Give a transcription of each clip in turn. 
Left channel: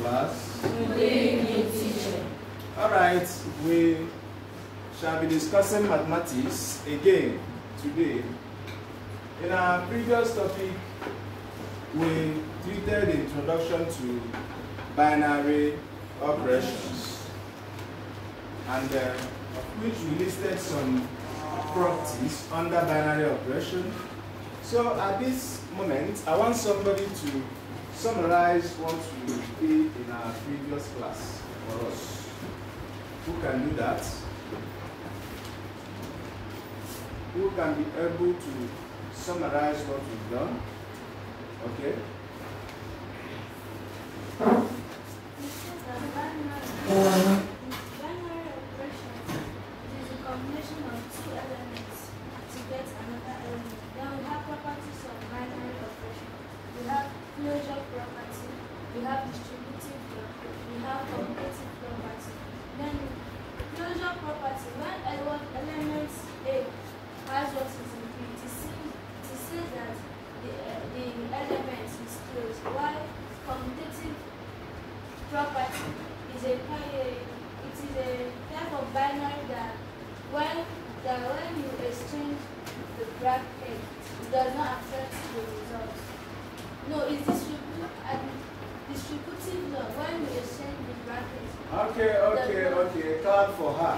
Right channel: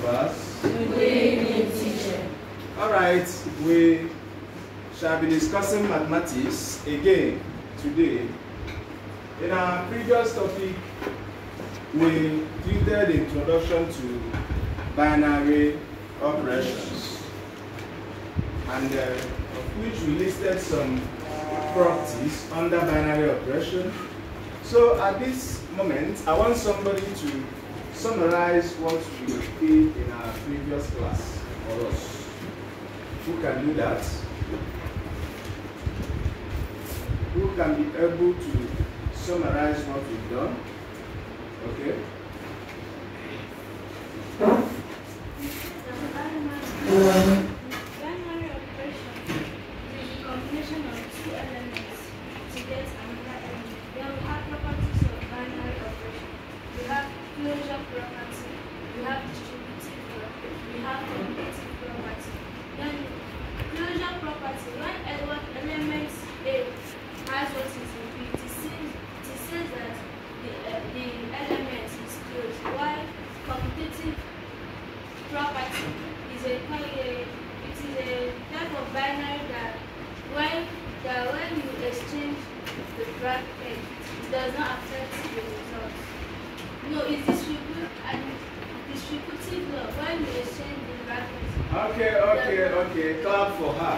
class? Good evening, teacher. Alright, we shall be discussing mathematics again today. In our previous topic, we treated the introduction to binary operations, and of which we listed some properties under binary operation. So at this moment, I want somebody to summarize what we did in our previous class for us. Who can do that? Who can be able to summarize what we've done? Okay. Binary operation is a combination of two elements to get another element. Then we have properties of binary operation. We have closure property, we have distributive property, we have commutative property. Then closure property, when element A has what is in B, it says that the element is closed, while commutative property is a type of binary that when you exchange the bracket, it does not affect the result. No, it's distributive law. When you exchange the bracket. Okay. Clap for her.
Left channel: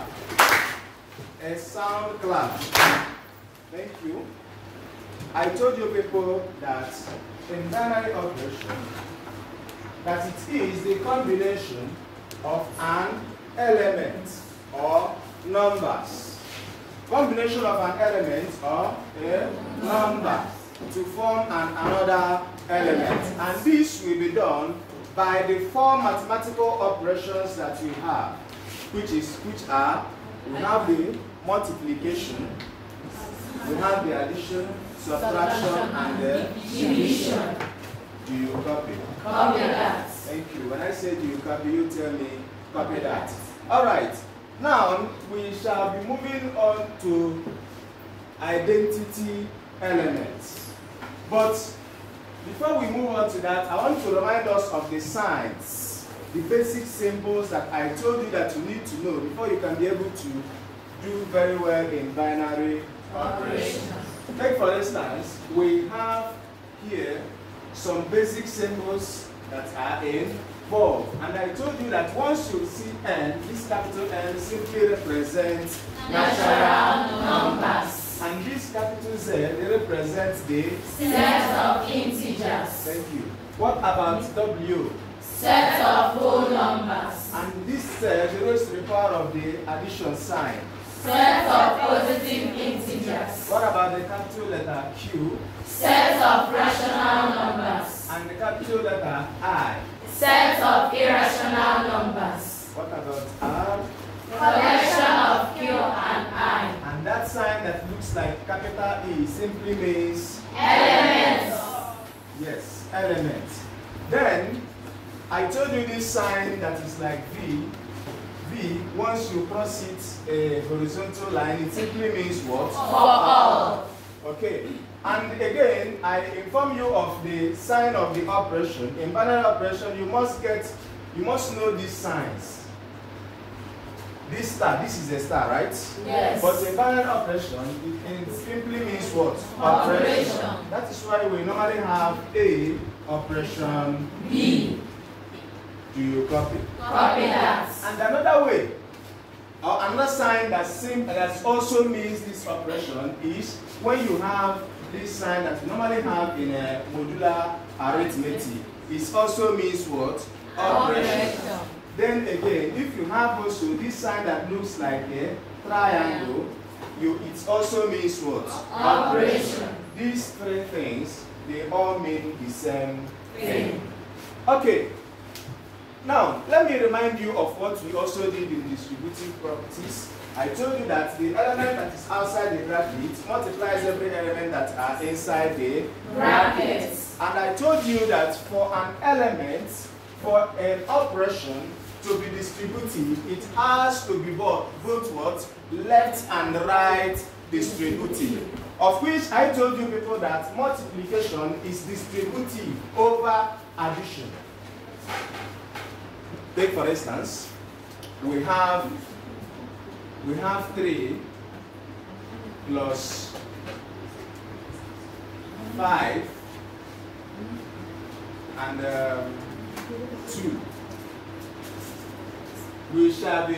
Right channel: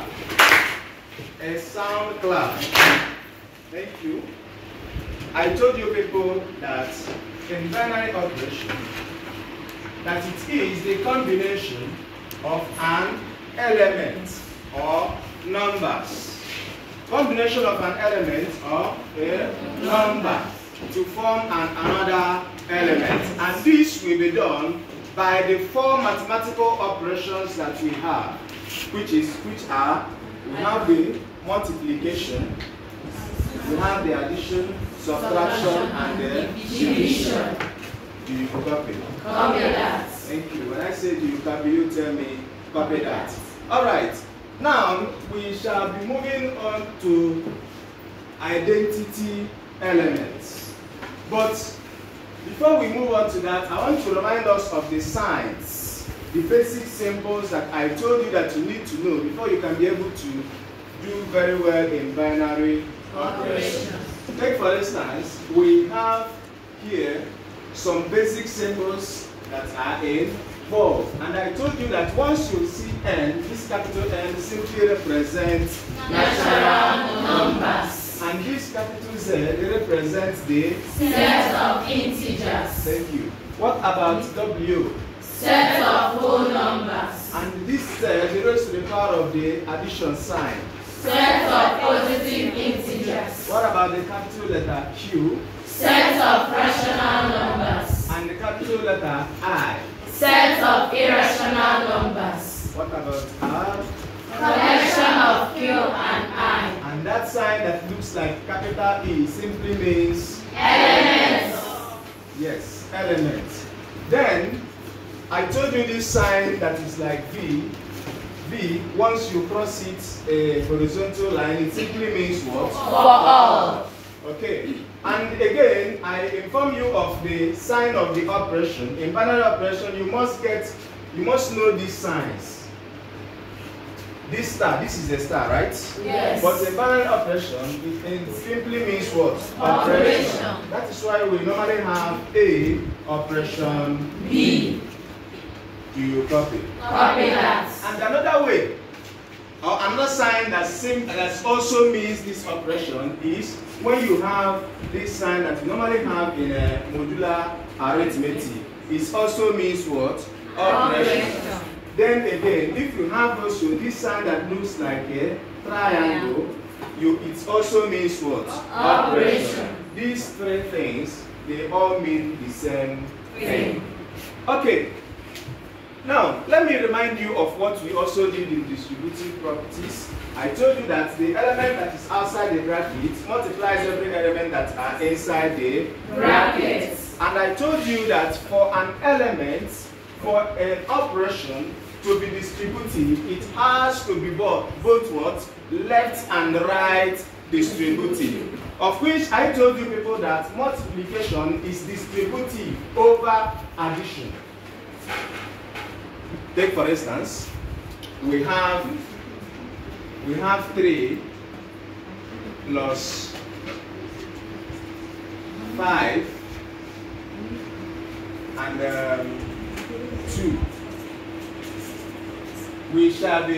A sound clap. Thank you. I told you people that in binary operation, that it is the combination of an element or numbers. Combination of an element or a number to form another element. And this will be done by the four mathematical operations that we have, which are, we have the multiplication, we have the addition, subtraction, and the division. Do you copy? Copy that. Thank you. When I say do you copy, you tell me copy that. Alright. Now we shall be moving on to identity elements. But before we move on to that, I want to remind us of the signs, the basic symbols that I told you that you need to know before you can be able to do very well in binary operations. Take for instance, we have here some basic symbols that are involved. And I told you that once you see N, this capital N simply represents natural numbers. And this capital Z represents the set of integers. Thank you. What about W? Set of whole numbers. And this Z is to the power of the addition sign. Set of positive integers. What about the capital letter Q? Set of rational numbers. And the capital letter I? Set of irrational numbers. What about R? Collection of Q and I. And that sign that looks like capital E simply means elements. Yes, elements. Then I told you this sign that is like V. V, once you cross it a horizontal line, it simply means what? For all. Okay. And again, I inform you of the sign of the operation. In binary operation, you must know these signs. This star, this is a star, right? Yes. But in binary operation, it simply means what? Operation. That is why we normally have A operation B. Do you copy? Copy that. And another way, or another sign that also means this operation is when you have this sign that you normally have in a modular arithmetic. It also means what? Operation. Then again, if you have also this sign that looks like a triangle, it also means what? Operation. These three things, they all mean the same thing. Thing. Okay. Now, let me remind you of what we also did in distributive properties. I told you that the element that is outside the bracket multiplies every element that are inside the brackets. And I told you that for an element, for an operation to be distributive, it has to be both what? Left and right distributive. Of which I told you people that multiplication is distributive over addition. Take for instance, we have 3 plus 5 and 2. We shall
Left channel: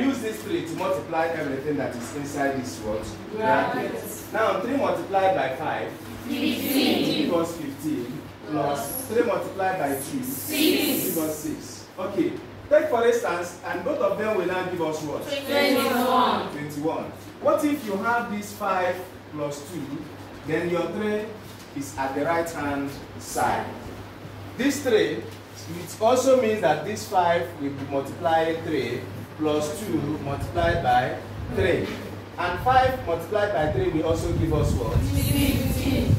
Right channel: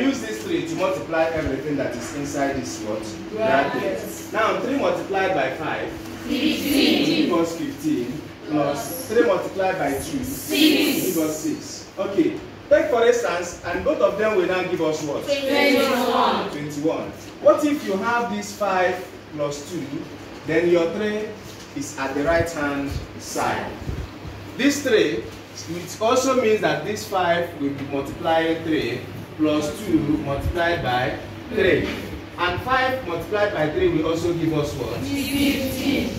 use this 3 to multiply everything that is inside this what? Brackets. Now 3 multiplied by 5 15 equals 15 plus 3 multiplied by 2 6 equals 6. Okay. Take for instance, and both of them will now give us what? 21. 21. What if you have this 5 plus 2, then your 3 is at the right hand side. This 3, it also means that this 5 will be multiplying 3 plus 2 multiplied by 3. And 5 multiplied by 3 will also give us what? 15.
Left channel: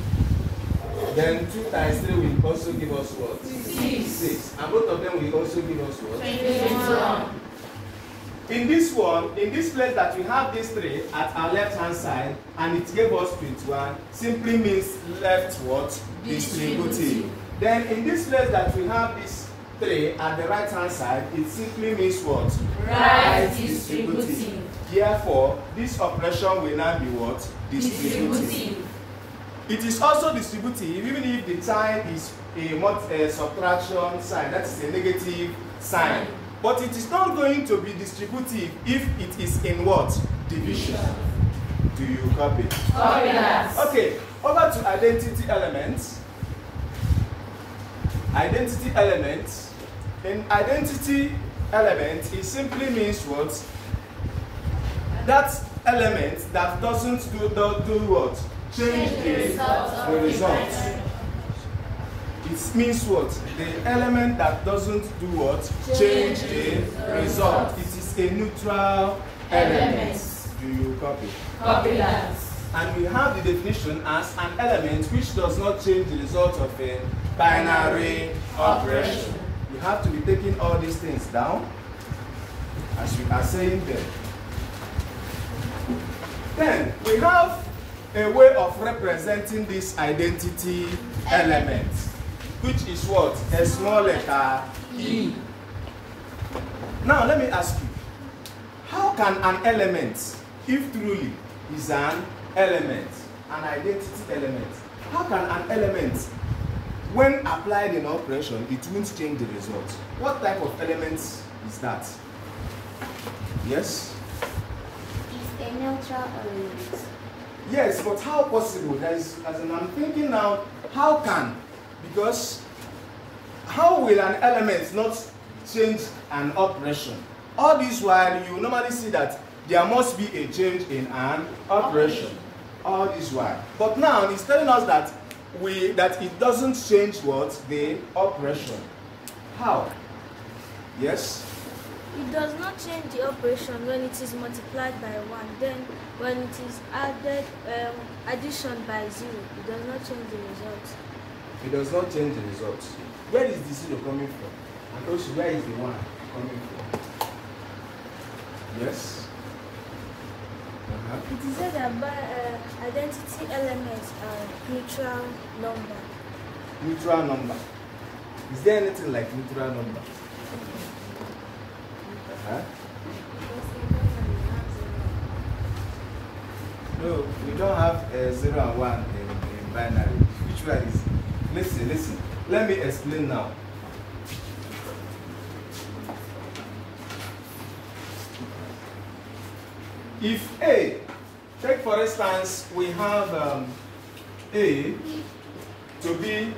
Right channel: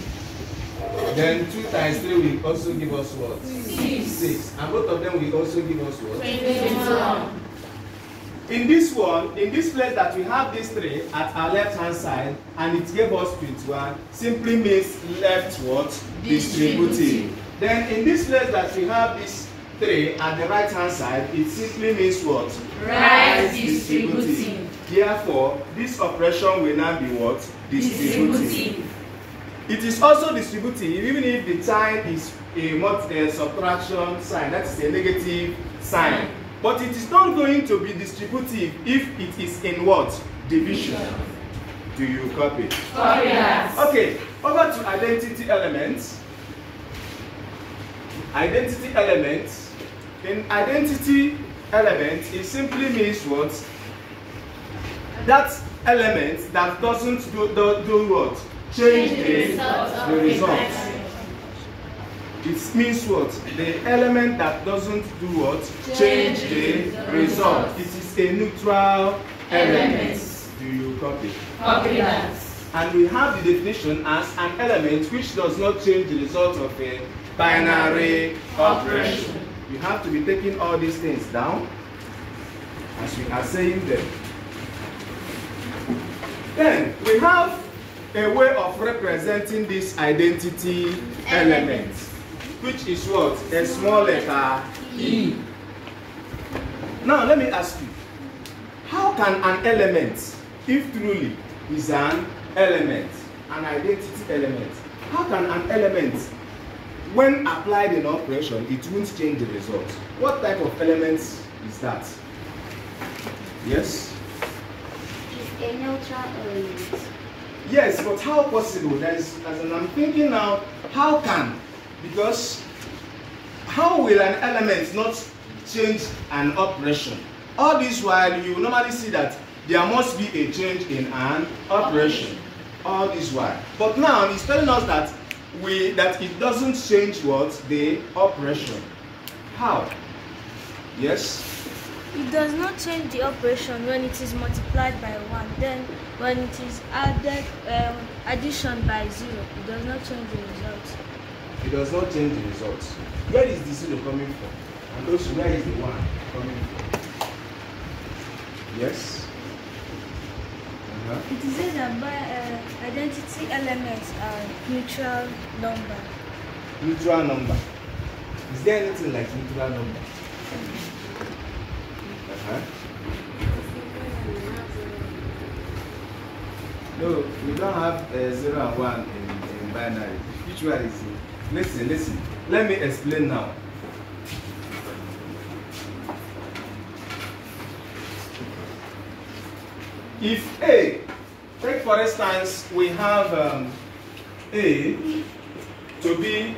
Then 2 times 3 will also give us what? 6. And both of them will also give us what? 21. In this place that we have this 3 at our left hand side and it gave us 21, simply means left what? Distributive. Then in this place that we have this 3 at the right hand side, it simply means what? Right distributive. Therefore, this operation will now be what? Distributive. It is also distributive even if the sign is a subtraction sign, that is a negative sign. But it is not going to be distributive if it is in what? Division. Do you copy? Copy that. Okay, over to identity elements. Identity elements. In identity element, it simply means what? That element that doesn't do what? Change the result. It means what? The element that doesn't do what? Change the result. It is a neutral element. Do you copy? Copy that. And we have the definition as an element which does not change the result of a binary operation. You have to be taking all these things down as we are saying them. Then we have a way of representing this identity element, which is what? A small letter E. Now let me ask you, how can an element, if truly is an element, an identity element, how can an element, when applied in operation, it won't change the result? What type of element is that? Yes? It's a neutral element. Yes, but how possible? As I'm thinking now, how can? Because how will an element not change an operation? All this while you normally see that there must be a change in an operation. All this while. But now it's telling us that it doesn't change what? The operation. How? Yes? It does not change the operation when it is multiplied by 1. Then when it is added addition by 0, it does not change the result. It does not change the result. Where is the 0 coming from? And also where is the 1 coming from? Yes? It is said that identity elements are neutral number. Neutral number. Is there anything like neutral number? No, we don't have 0 and 1 in binary. Which one is it? Listen. Let me explain now. If A, take for instance, we have A to be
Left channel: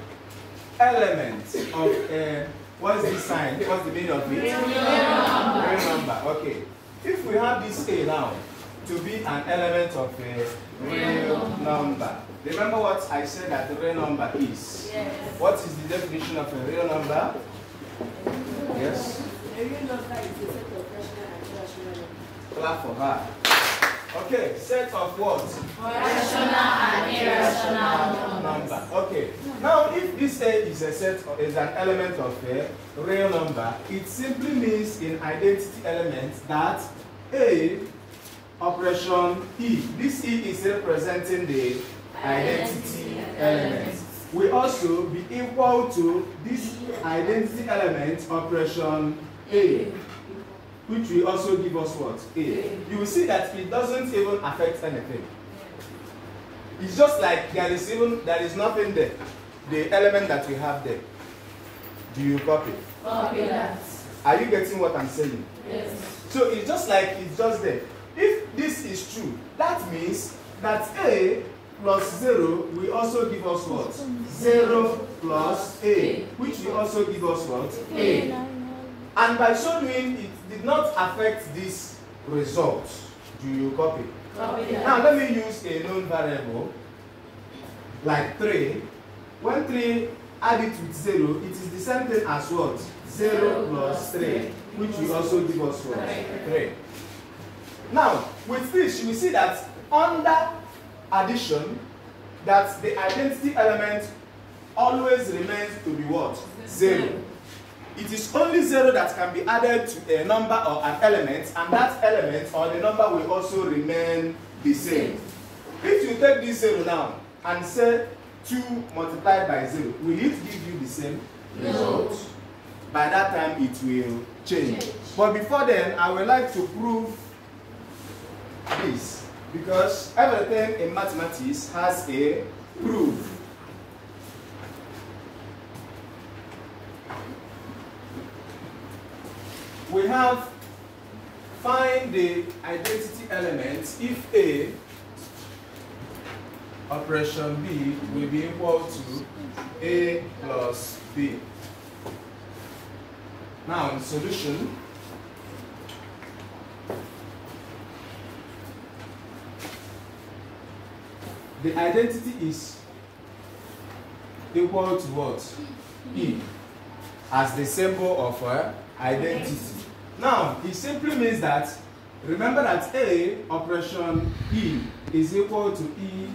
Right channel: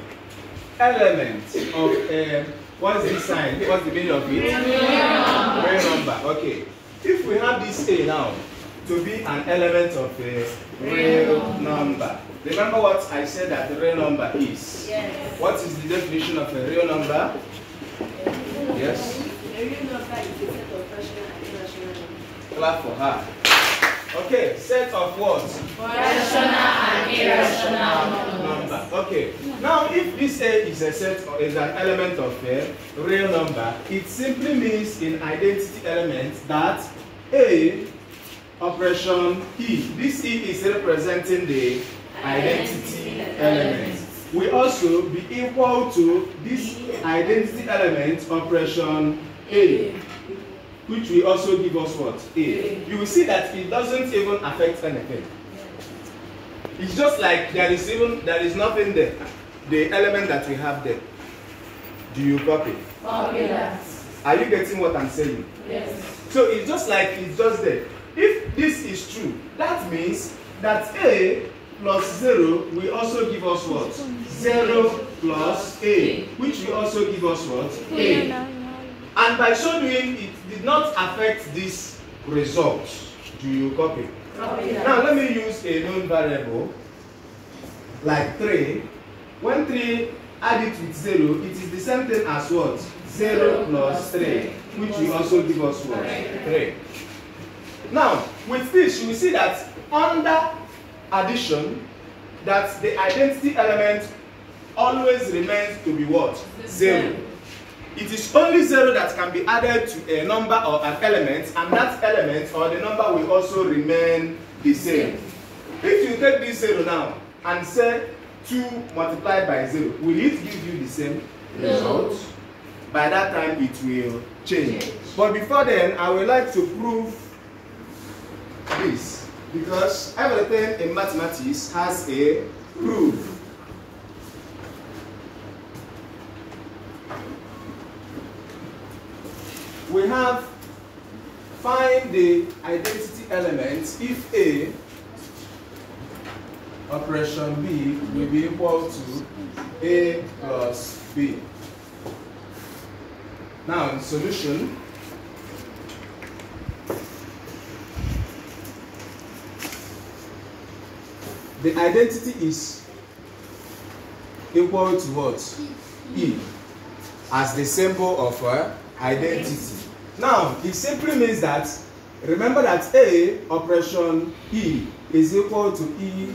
element of a, what's the sign? What's the meaning of it? Real number. Okay. If we have this A now to be an element of a real number, remember what I said that the real number is? Yes. What is the definition of a real number? Yes? A real number is a set of rational and irrational numbers. Clap for her. Okay, set of what? Rational and irrational Number. Okay. Now, if this A is a set or is an element of a real number, it simply means in identity elements that A operation E. This E is representing the identity element. will also be equal to this identity element operation A, which will also give us what? A. You will see that it doesn't even affect anything. It's just like there is nothing there. The element that we have there. Do you copy? Yes. Are you getting what I'm saying? Yes. So it's just like it's just there. If this is true, that means that A plus 0 will also give us what? 0 plus A, which will also give us what? A. And by so doing, it did not affect this result. Do you copy? Now let me use a known variable like 3. When 3 add it with 0, it is the same thing as what? 0 plus 3, which will also give us what? 3. Now, with this, you will see that under addition, that the identity element always remains to be what? 0. It is only 0 that can be added to a number or an element, and that element or the number will also remain the same. If you take this 0 now and say 2 multiplied by 0, will it give you the same result? By that time, it will change. But before then, I would like to prove this, because everything in mathematics has a proof. We have find the identity element if A operation B will be equal to A plus B. Now, in solution, the identity is equal to what? E, as the symbol of identity. Now, it simply means that, remember that A operation E is equal to E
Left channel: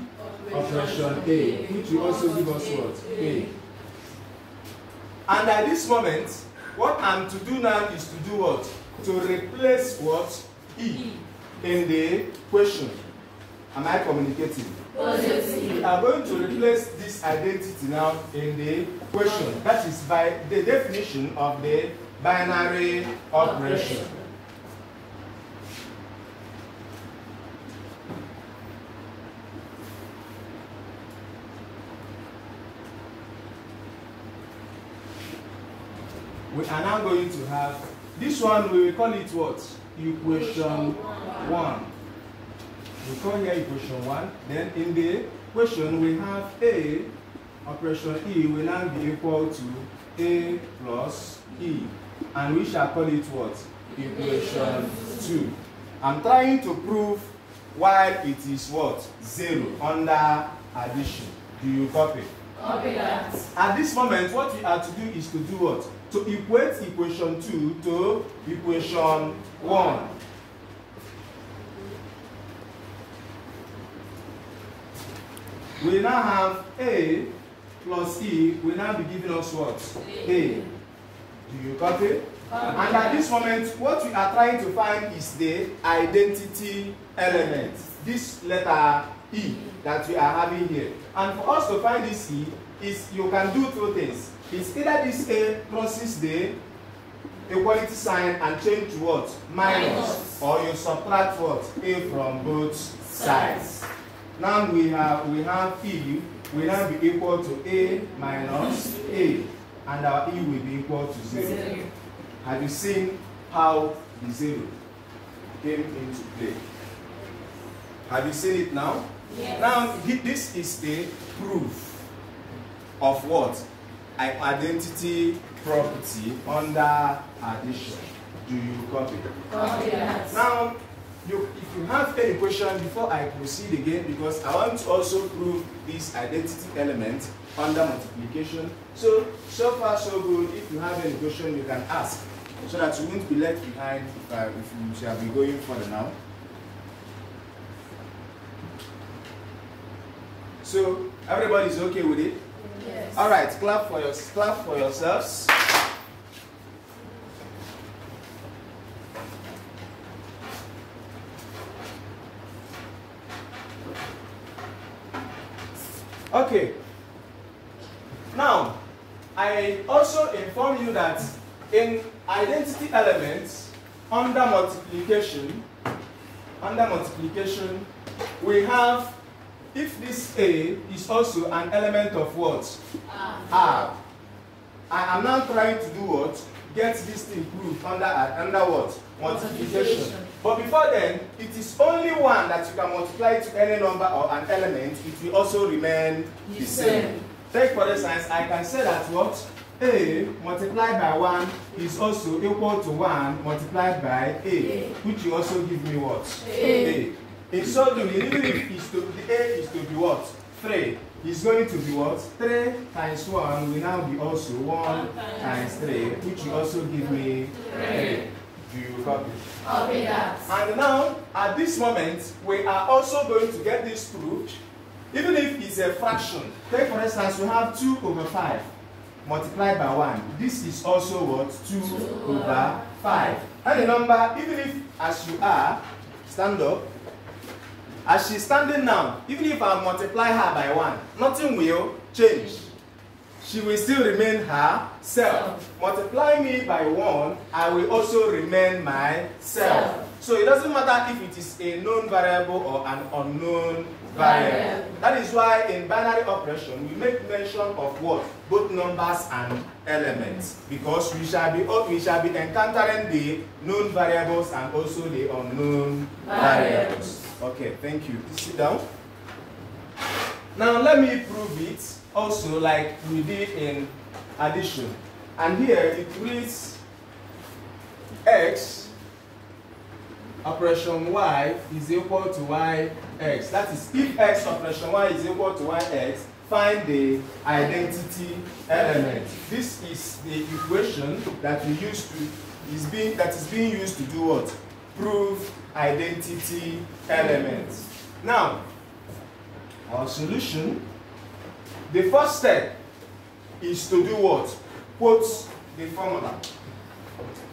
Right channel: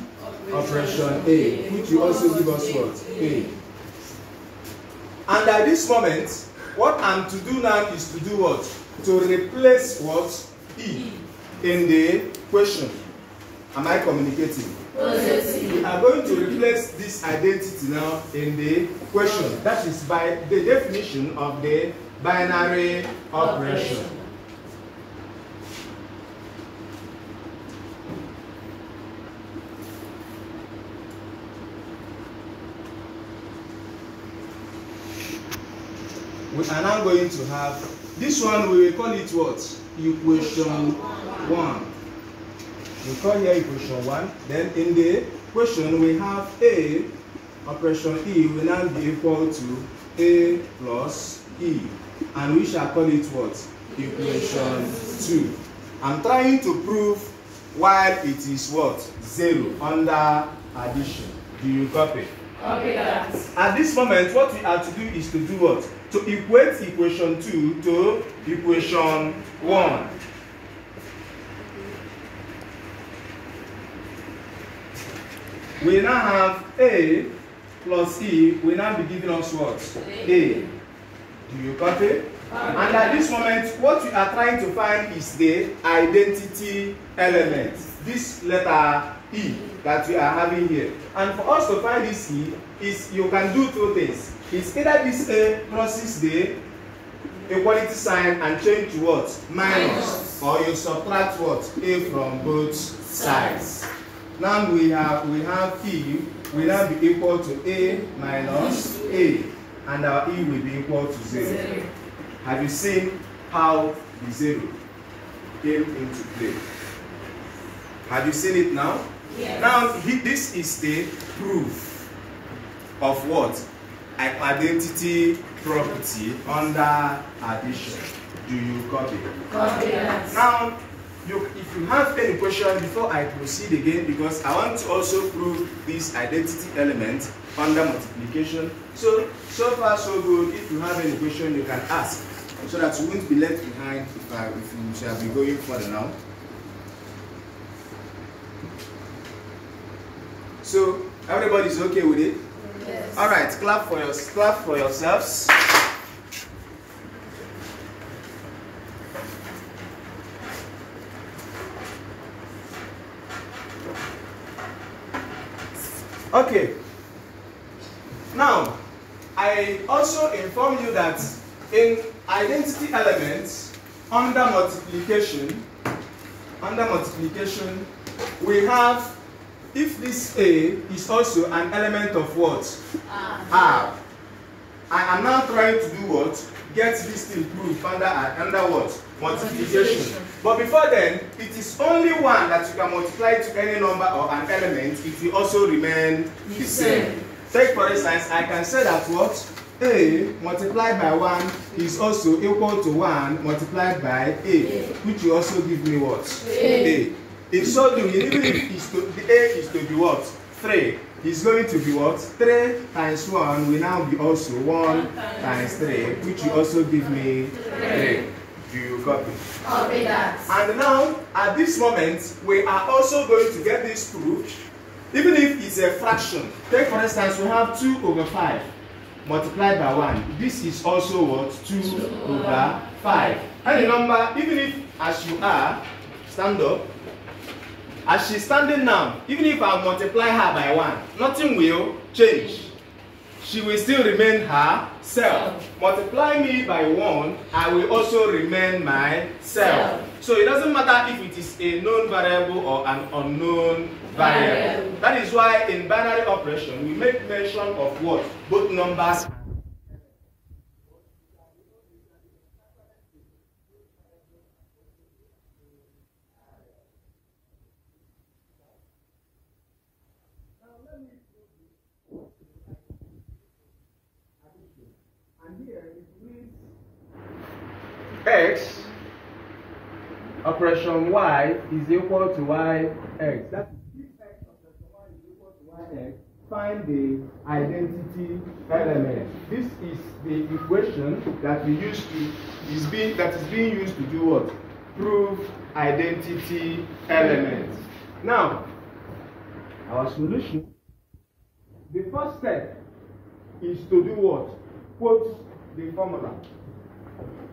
operation A, which will also give us what? A. And at this moment, what I'm to do now is to do what? To replace what? E in the question. Am I communicating? We are going to replace this identity now in the question. That is by the definition of the binary operation. We are now going to have this one, we will call it what? Equation 1. We call here equation 1. Then in the question we have A operation E will now be equal to A plus E. And we shall call it what? Equation 2. I'm trying to prove why it is what? 0 under addition. Do you copy? Okay, guys. At this moment, what we are to do is to do what? To equate equation 2 to equation 1. We now have A plus E will now be giving us what? A. Do you copy? And at this moment, what we are trying to find is the identity element. This letter E that we are having here. And for us to find this E, is you can do two things. It's either this A crosses the equality sign and change to what? Minus. Or you subtract what? A from both sides. Now we have E will now be equal to A minus A, and our E will be equal to 0. Have you seen how the 0 came into play? Have you seen it now? Yes. Now this is the proof of what? An identity property under addition. Do you copy? Yes. Now, if you have any question before I proceed again, because I want to also prove this identity element under multiplication. So far so good. If you have any question, you can ask, so that you won't be left behind if you shall be going further now. So everybody's okay with it? Yes. All right, clap for yourselves. Okay. I also inform you that in identity elements, under multiplication, we have, if this A is also an element of what? R. I am now trying to do what? Get this thing proved under what? Multiplication. But before then, it is only one that you can multiply to any number or an element. It will also remain the same. Take for instance, I can say that what? A multiplied by 1 is also equal to 1 multiplied by A, which will also give me what? A. In so doing, even if the A is to be what? 3, it's going to be what? 3 times 1 will now be also 1 times 3, which will also give me 3. Do you copy? Copy that. And now, at this moment, we are also going to get this proved, even if it's a fraction. Take for instance, we have 2 over 5 multiplied by 1. This is also what? 2 over 5. And the number, even if as you are, stand up, as she's standing now, even if I multiply her by 1, nothing will change. She will still remain herself. Multiply me by 1, I will also remain myself. So it doesn't matter if it is a known variable or an unknown variable. That is why in binary operation, we make mention of what? Both numbers and elements. Because we shall be encountering the known variables and also the unknown variables. Okay, thank you. Please sit down. Now let me prove it also like we did in addition. And here it reads x operation y is equal to yx. That is, if x operation y is equal to yx, find the identity element. This is the equation that we use to that is being used to do what? Prove identity elements. Now, our solution, the first step is to do what? Quote the formula.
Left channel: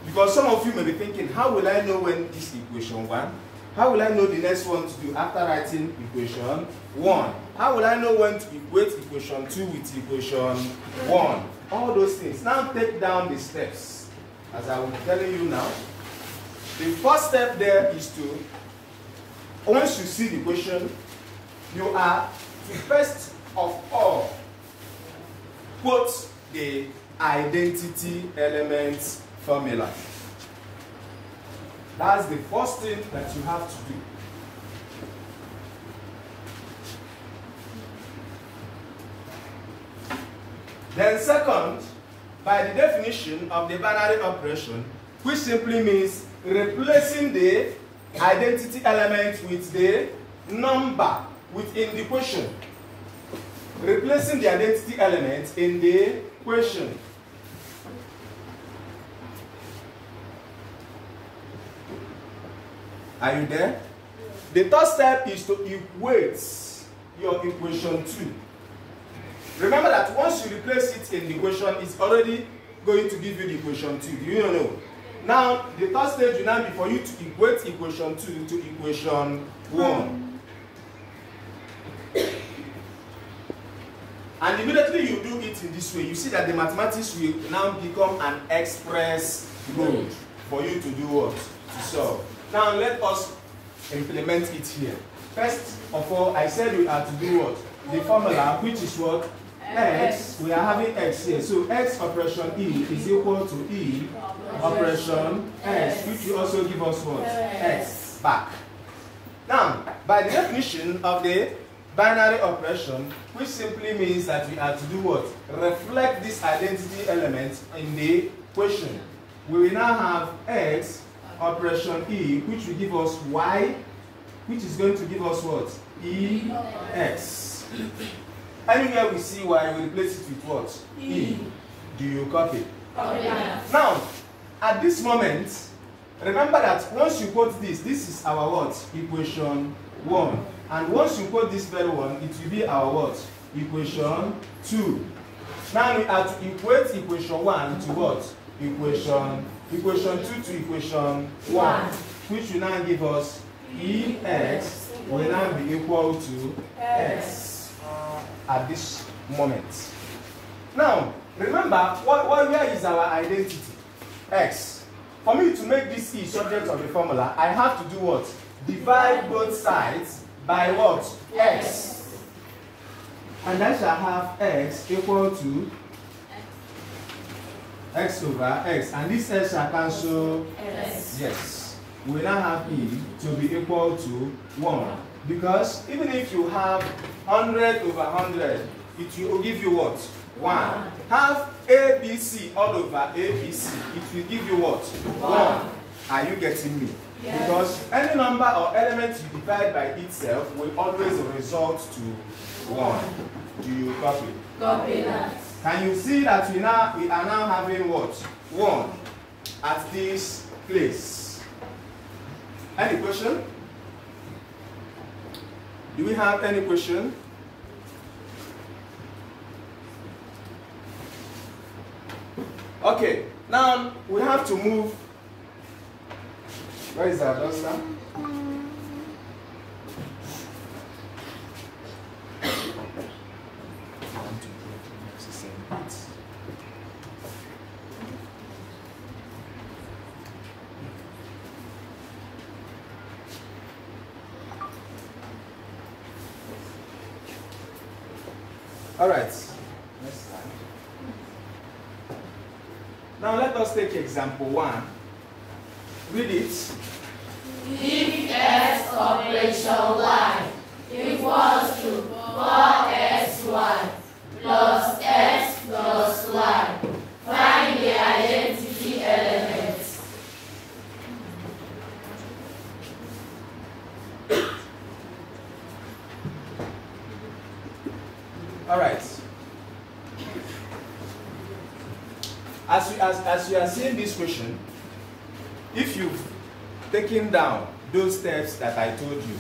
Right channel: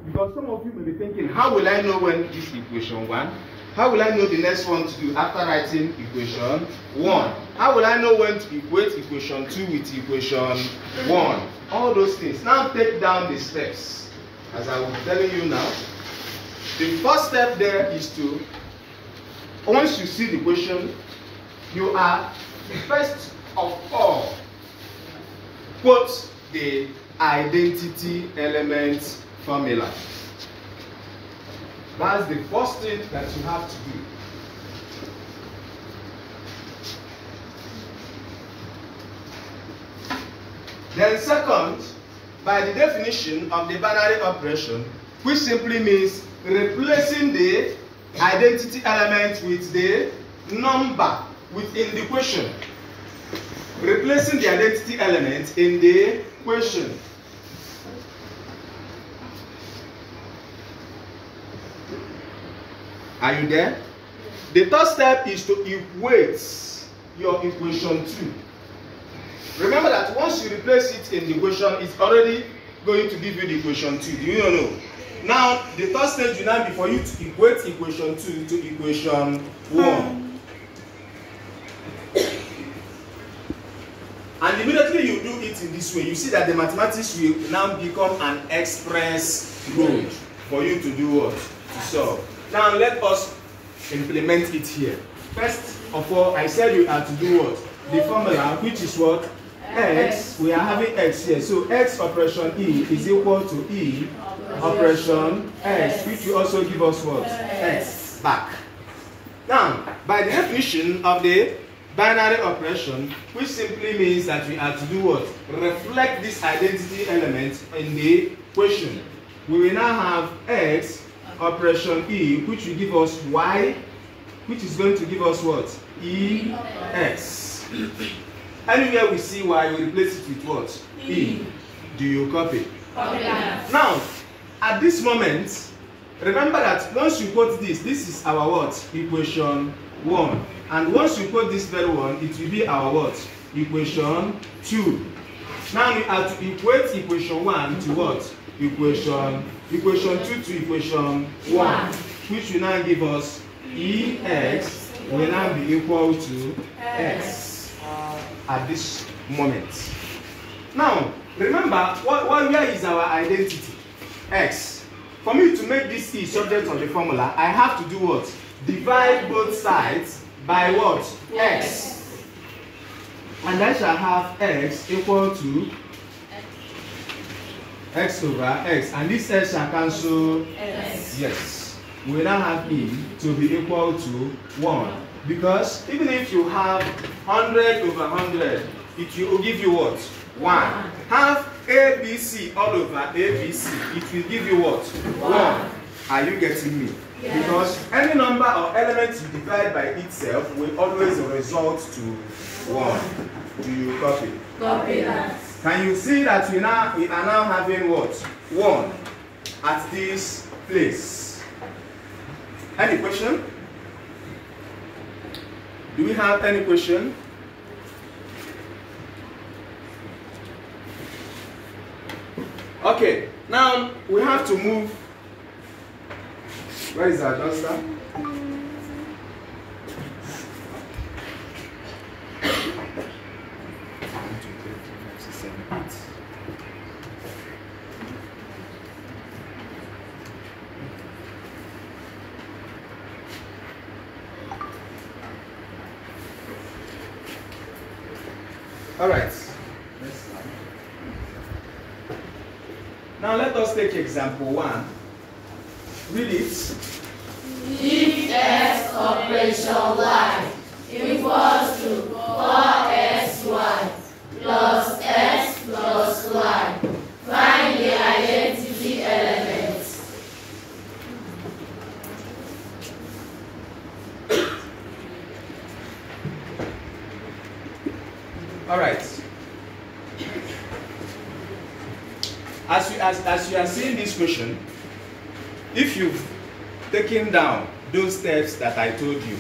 Because some of you may be thinking, how will I know when this equation 1? How will I know the next one to do after writing equation 1? How will I know when to equate equation 2 with equation 1? All those things. Now take down the steps. As I was telling you now, the first step there is to, once you see the question, you are to first of all quote the identity element formula. That's the first thing that you have to do. Then second, by the definition of the binary operation, which simply means replacing the identity element with the number within the question. Replacing the identity element in the question. Are you there? The third step is to equate your equation 2. Remember that once you replace it in the equation, it's already going to give you the equation 2. Do you know? Now, the third stage will now be for you to equate equation 2 to equation 1. And immediately you do it in this way, you see that the mathematics will now become an express road for you to do what? To solve. Now let us implement it here. First of all, I said you have to do what? The formula, which is what? X. We are having x here. So x operation E is equal to E operation x, which will also give us what? X back. Now, by the definition of the binary operation, which simply means that we have to do what? Reflect this identity element in the question. We will now have x operation E, which will give us y, which is going to give us what? EX. Anywhere we see y, we replace it with what? E. Do you copy? Copy. Now, at this moment, remember that once you quote this is our what? Equation 1. And once you quote this very one, it will be our what? Equation 2. Now we have to equate equation 1 to what? Equation 2 to equation 1, which will now give us EX will now be equal to X at this moment. Now, Remember, where is our identity? X. For me to make this E subject of the formula, I have to do what? Divide both sides by what? X. And I shall have X equal to X over X. And this X shall cancel X. Yes. We now have E to be equal to 1. Because even if you have 100 over 100, it will give you what? 1. Have ABC all over ABC, it will give you what? 1. Are you getting me? Yes. Because any number or element you divide by itself will always result to 1. Do you copy? Copy that. Can you see that we are now having what? 1 at this place. Any question? Do we have any question? Okay, now we have to move. Where is our duster? All right. Now let us take example 1. Read it. If x operation y equals to 4xy plus x plus y, find the identity elements. All right. As you are seeing this question, if you've taken down those steps that I told you,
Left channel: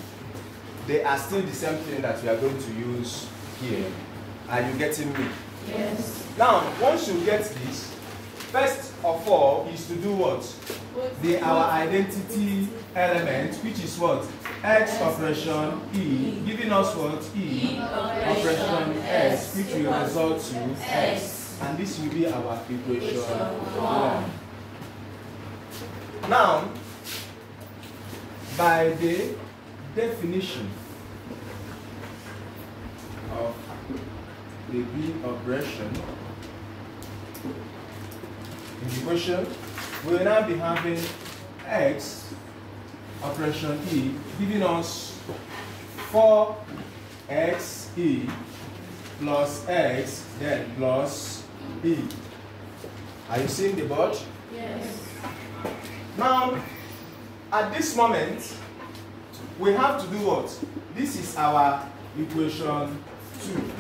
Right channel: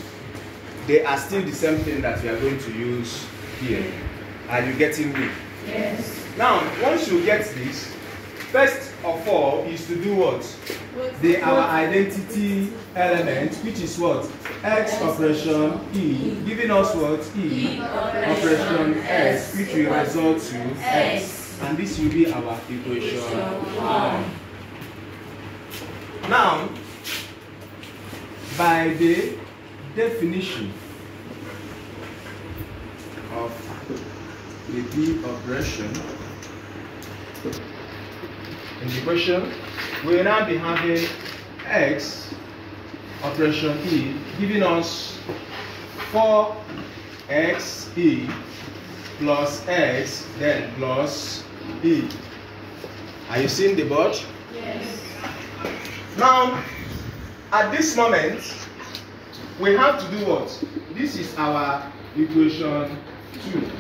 they are still the same thing that we are going to use here. Are you getting me? Yes. Now, once you get this, first of all is to do what? Our identity element, which is what? X operation E, giving us what? E operation S, which will result to X. And this will be our equation 1. Now, by the definition of the B operation in the question, we will now be having X operation E giving us 4xe plus X then plus E. Are you seeing the board? Yes. Now, at this moment, we have to do what? This is our equation 2.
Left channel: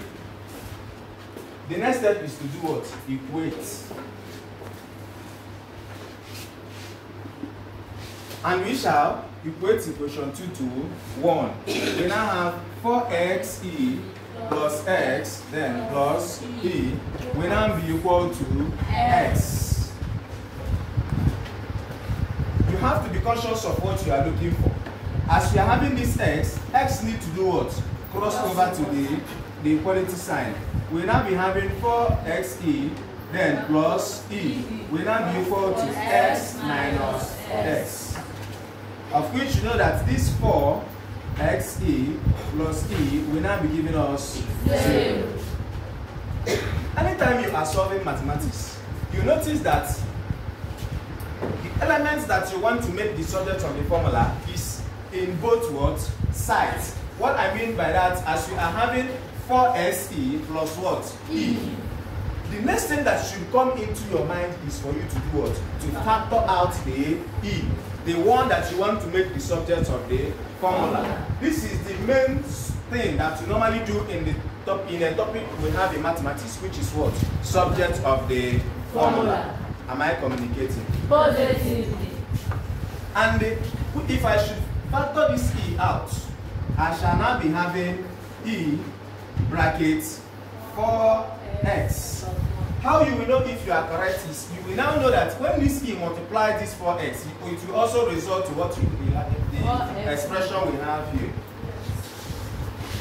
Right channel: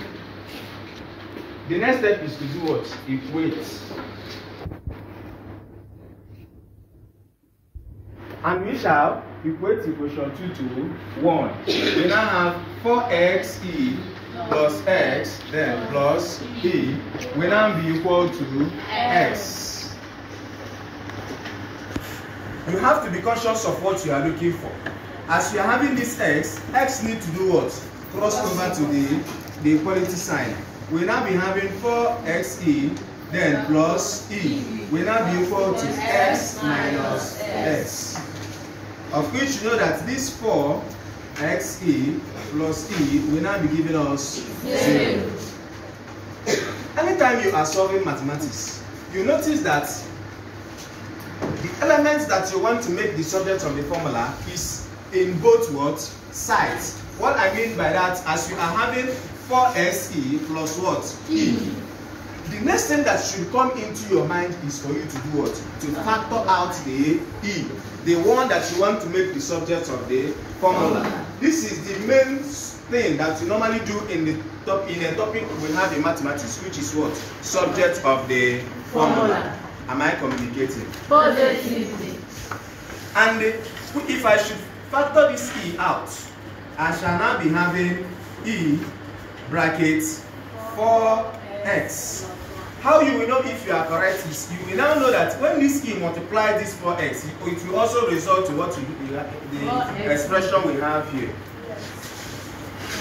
The next step is to do what? Equate. And we shall equate equation 2 to 1. We now have 4xe plus X, then plus E, will now be equal to X. You have to be conscious of what you are looking for. As you are having this X, X need to do what? Cross over to the equality sign. We will now be having 4xe, then plus E, will now be equal to X minus X. Of which you know that this 4xe plus E will now be giving us 0. Anytime you are solving mathematics, you notice that the elements that you want to make the subject of the formula is in both what? Sides. What I mean by that, as you are having 4xe plus what? E. The next thing that should come into your mind is for you to do what? To factor out the E, the one that you want to make the subject of the formula. This is the main thing that you normally do in a topic we have in mathematics, which is what? Subject of the formula. Am I communicating? Positively. And if I should factor this E out, I shall now be having E brackets 4x. How you will know if you are correct is you will now know that when this E multiplies this 4x, it will also result to what we have, the expression we have here.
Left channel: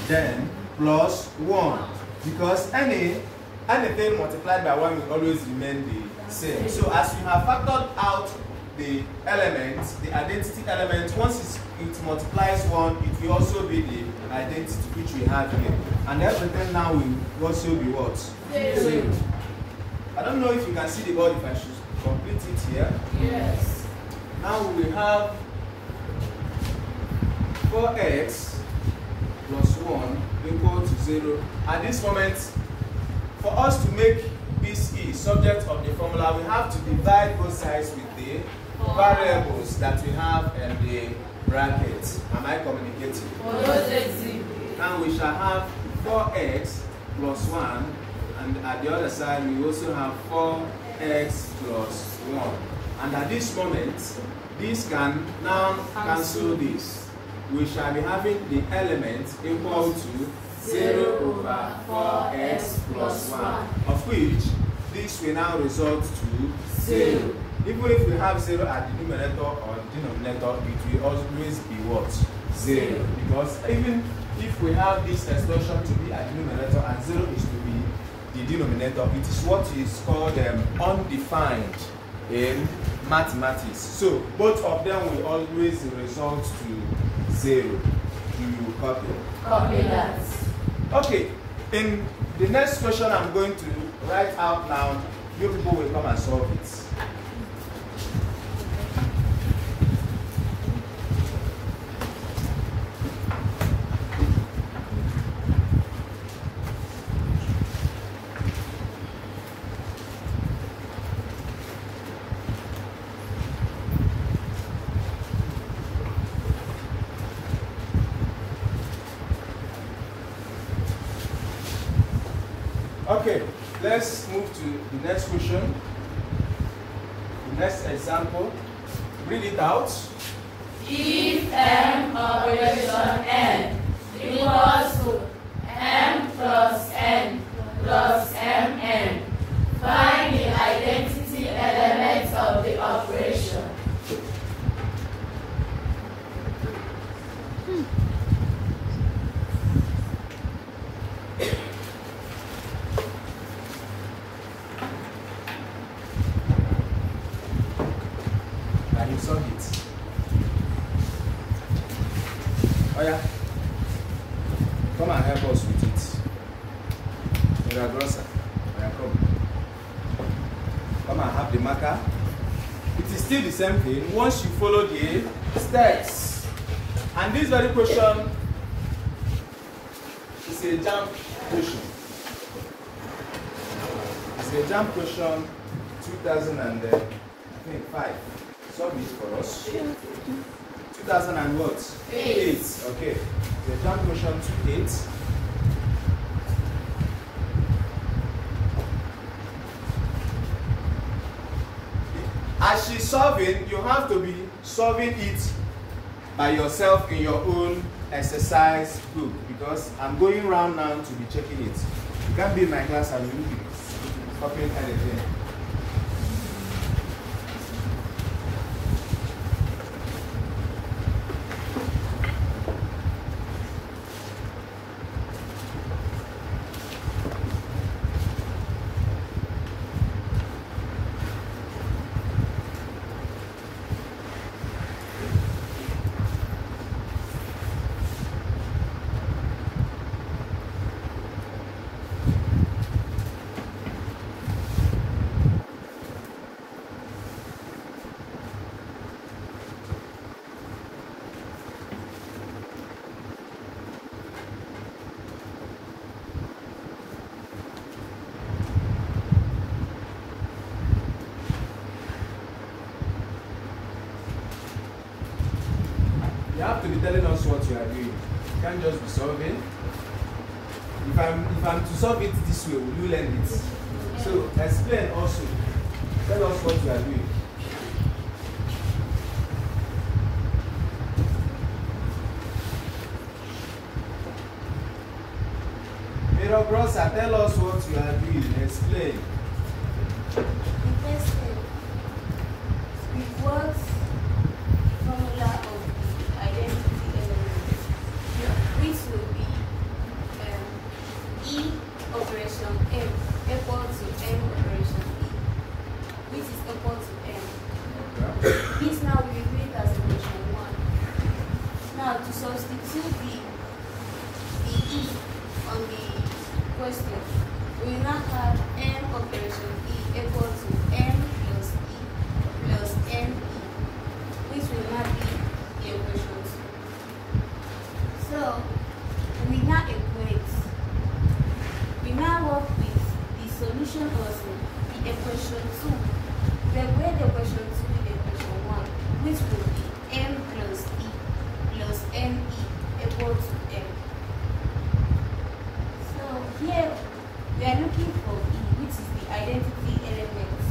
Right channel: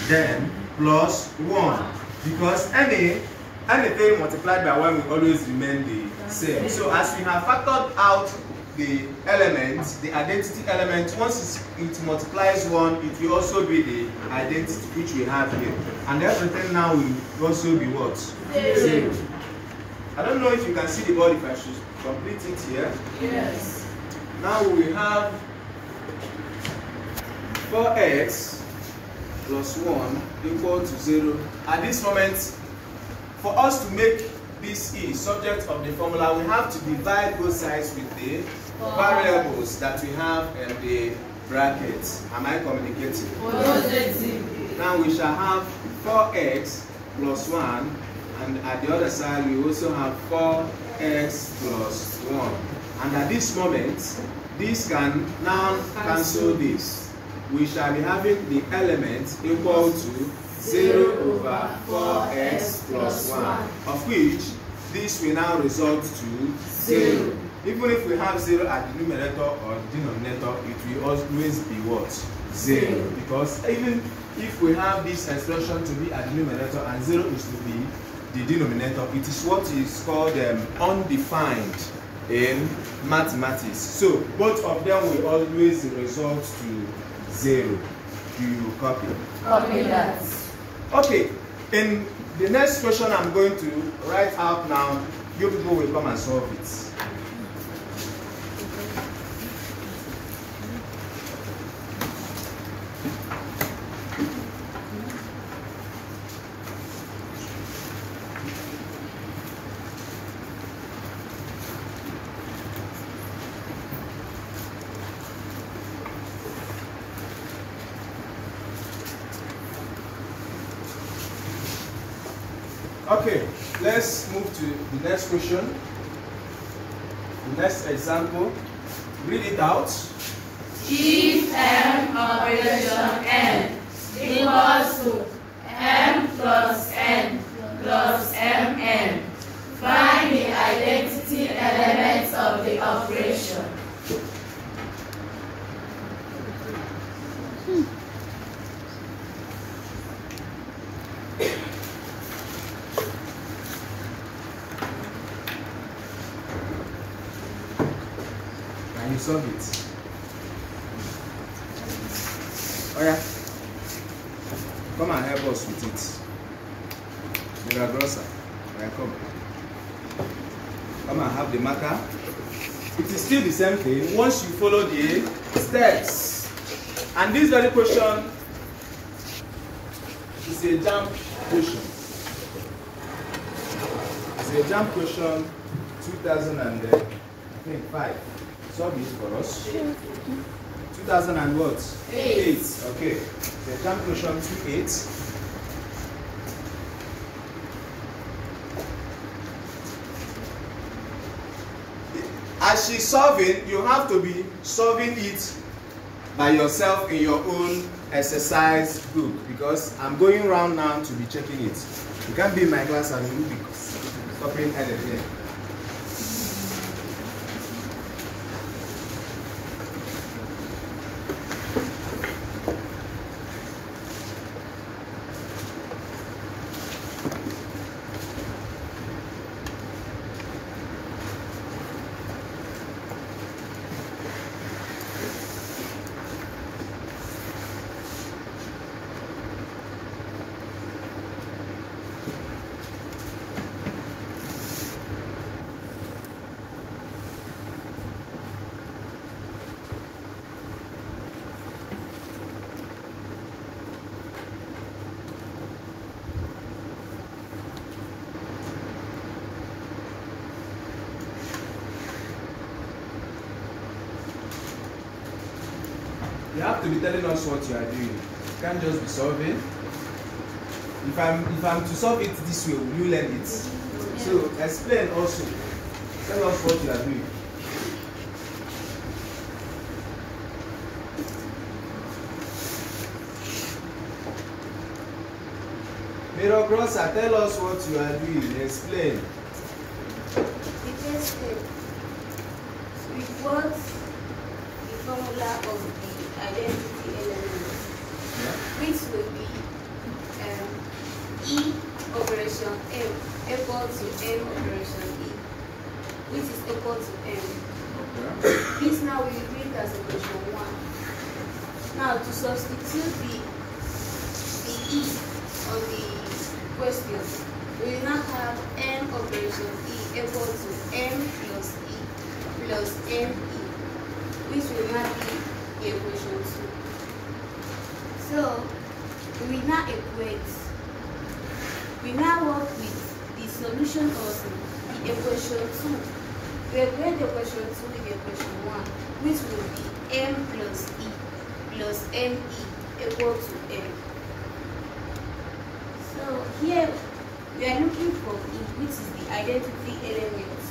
Then plus 1, because any anything multiplied by 1 will always remain the same. So as we have factored out the elements, the identity element, once it multiplies 1, it will also be the identity which we have here. And everything now will also be what? 0. I don't know if you can see the board, if I should complete it here. Yes. Now we have 4x plus 1 equal to 0. At this moment, for us to make this E subject of the formula, we have to divide both sides with the variables that we have in the brackets. Am I communicating? Now we shall have 4x plus 1, and at the other side we also have 4x plus 1. And at this moment, this can now cancel this. We shall be having the element equal to 0 over 4x plus 1, of which this will now result to 0. Even if we have 0 at the numerator or denominator, it will always be what? 0. Because even if we have this expression to be at the numerator and 0 is to be the denominator, it is what is called undefined in mathematics. So both of them will always result to 0. Do you copy? Copy that. Okay, in the next question I'm going to write out now, you people will come and solve it. Okay, let's move to the next question. The next example. Read it out. If M operation N equals to M plus N plus Mn, find the identity elements of the operation. Can you solve it? Oh yeah. Come and help us with it. Rosa. Oh yeah, come. Come and have the marker. It is still the same thing once you follow the steps. And this very question is a jump question. It's a jump question 2005. Solve it for us. 2000 and what? 8. Okay. The jump question 28. As she's solving, you have to be solving it by yourself in your own exercise book, because I'm going round now to be checking it. You can't be in my class and you will be copying anything. You have to be telling us what you are doing. You can't just be solving. If I'm to solve it this way, will you learn it? So explain also. Tell us what you are doing. Rosa, tell us what you are doing. Explain. The first step, we put the formula of the identity elements, which will be E operation M This now we will read as equation 1. Now to substitute the E on the question, we will now have M operation E equal to M plus E plus ME, which will now be the equation 2. So we now equate. We now work with the solution also, the equation 2. We equate the equation 2 with the equation 1, which will be M plus E plus ME equal to M. So here we are looking for E, which is the identity element.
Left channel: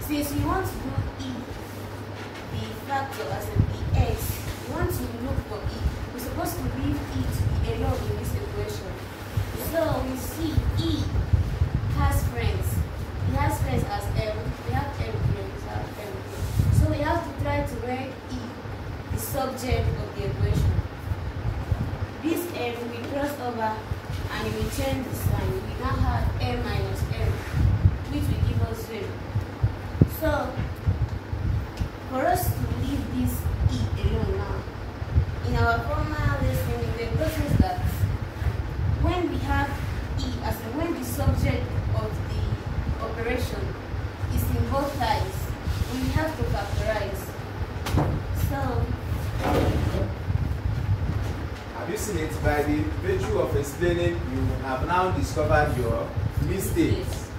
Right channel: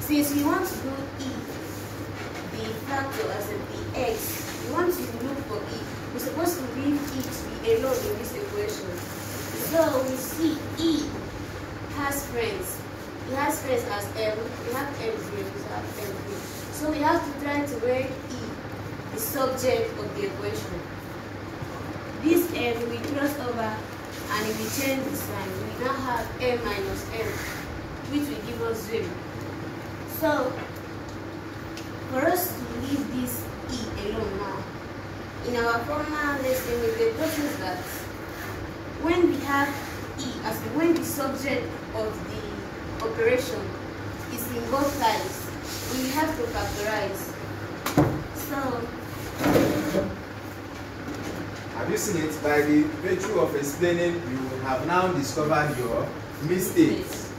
Since we want to do E, the factor as in the X, we want to look for E. We're supposed to leave E to be alone in this equation. So we see E has friends. He has friends as M. We have M here, we have M here. So we have to try to make E the subject of the equation. This M will cross over and it will change the sign. We now have M minus M, which will give us 0. So for us to leave this E alone now, in our former lesson we were taught that when we have E, as in when the subject of the operation is in both sides, we have to factorize. So have you seen it? By the virtue of explaining, you have now discovered your mistakes.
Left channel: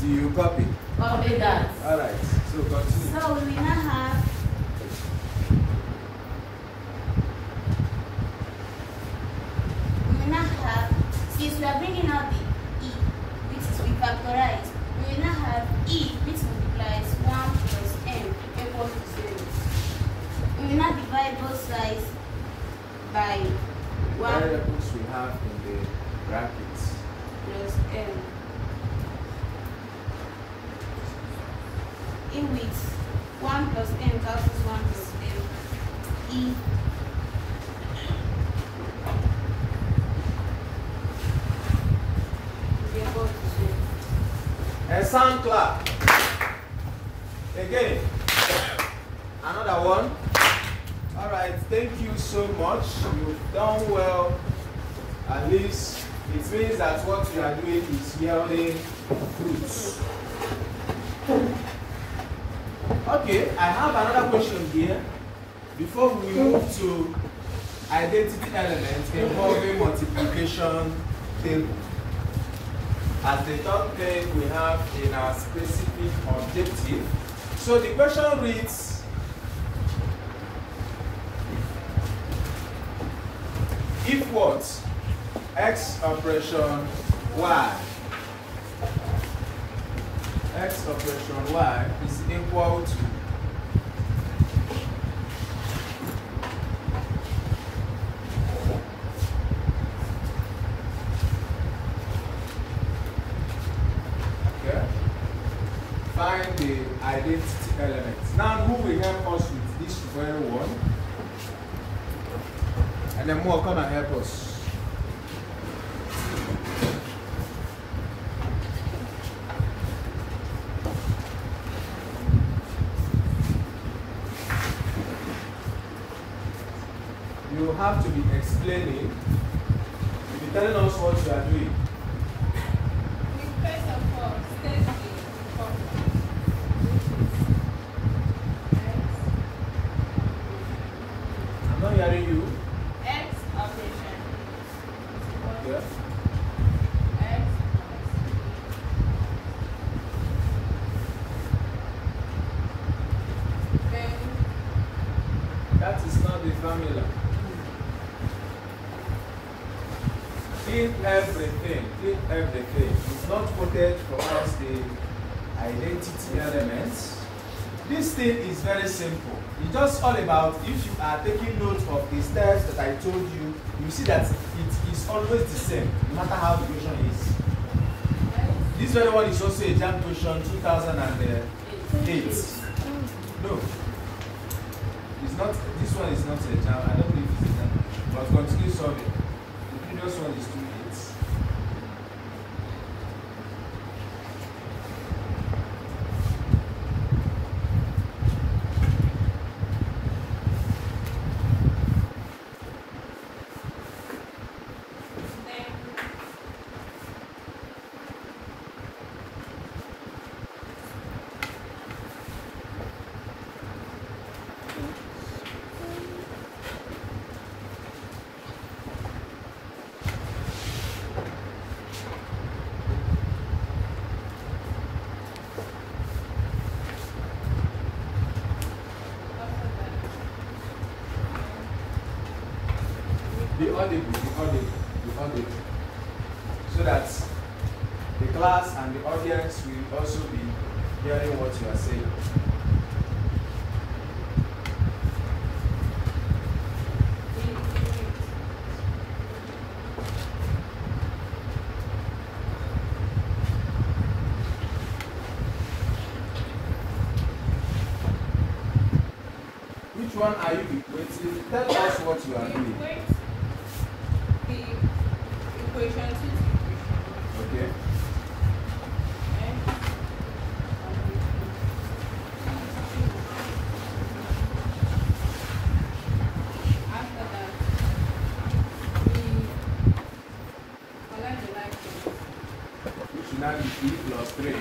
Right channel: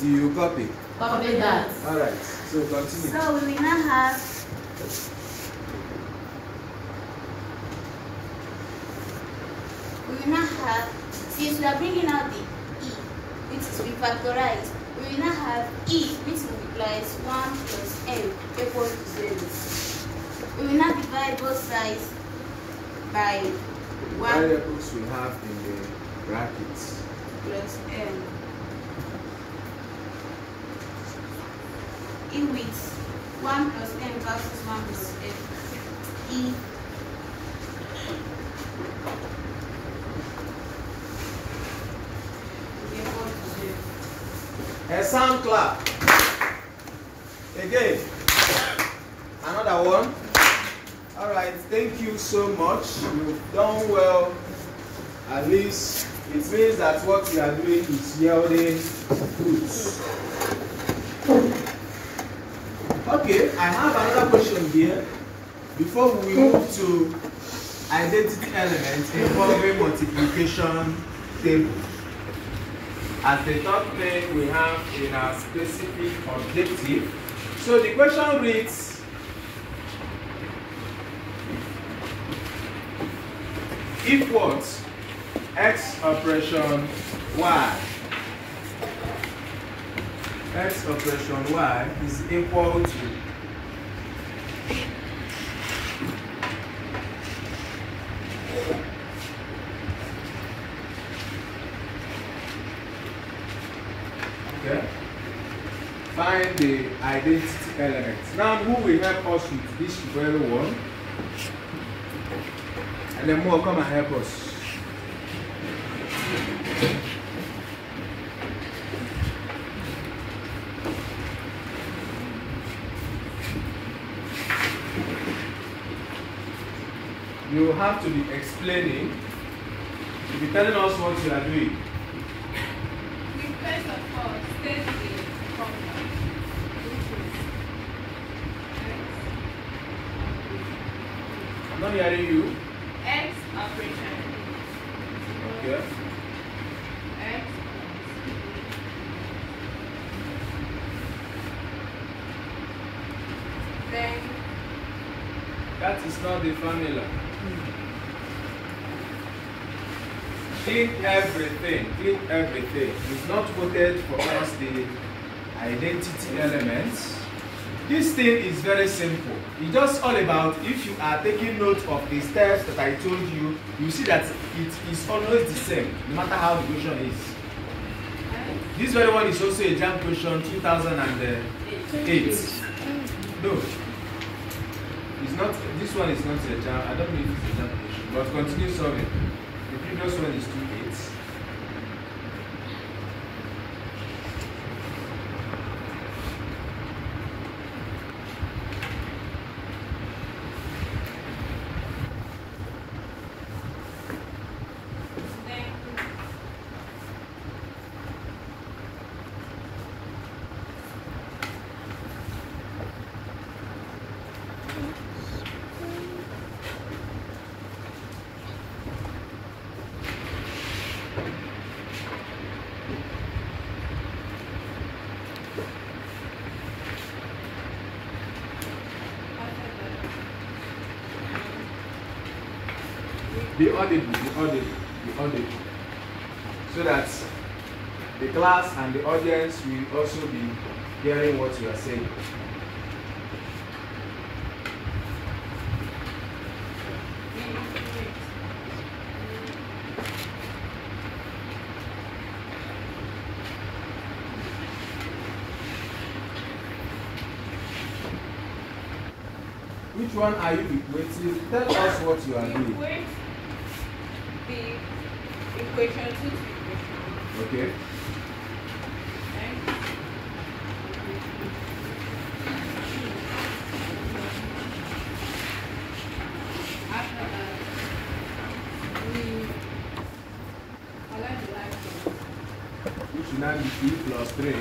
Do you copy? Copy that. All right. So continue. So we will now have since we are bringing out the E, which is we factorize, we will now have E, which multiplies 1 plus M equals to 0. We will now divide both sides by 1 variables we have in the brackets plus M. In which 1 plus M versus 1 plus M. E a sound clap. Again. Another one. All right. Thank you so much. You've done well. At least it means that what you are doing is yielding fruits. Okay. I have another question here. Before we move to identity elements involving multiplication table. As the third thing we have in our specific objective. So the question reads, if what? X operation Y. X operation Y is equal to find the identity elements. Now, who will help us with this very one? And then more come and help us. You have to be explaining, to be telling us what you are doing. First of all, state the I'm not hearing you. X operation. Okay. X then That is not the formula. Clean everything. Clean everything. You've not quoted for us the identity elements. This thing is very simple. It's just all about, if you are taking note of the steps that I told you, you see that it is always the same, no matter how the question is. This very one is also a JAM question 2008. No. It's not, this one is not a JAM. I don't know if it's a JAM question, but continue solving. The previous one is 2.8. Be audible, so that the class and the audience will also be hearing what you are saying. Which one are you equating? Tell us what you are doing. The equation to equation. Okay. After that, we align the light to Which will now be 3 plus 3.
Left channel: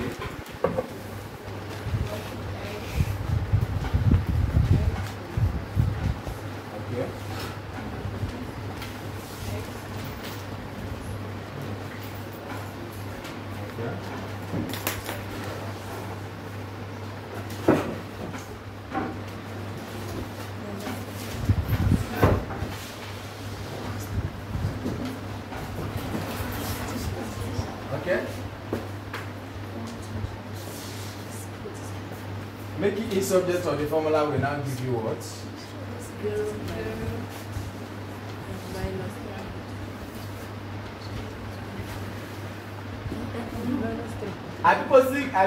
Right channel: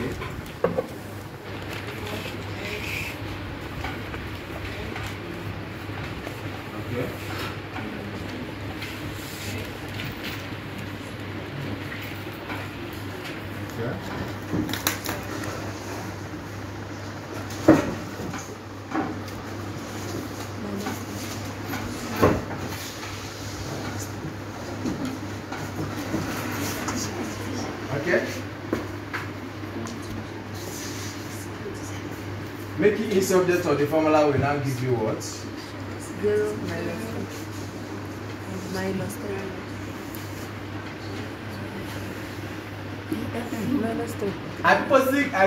Okay. Okay. Making it subject of the formula will now give you what? 0 minus 3. I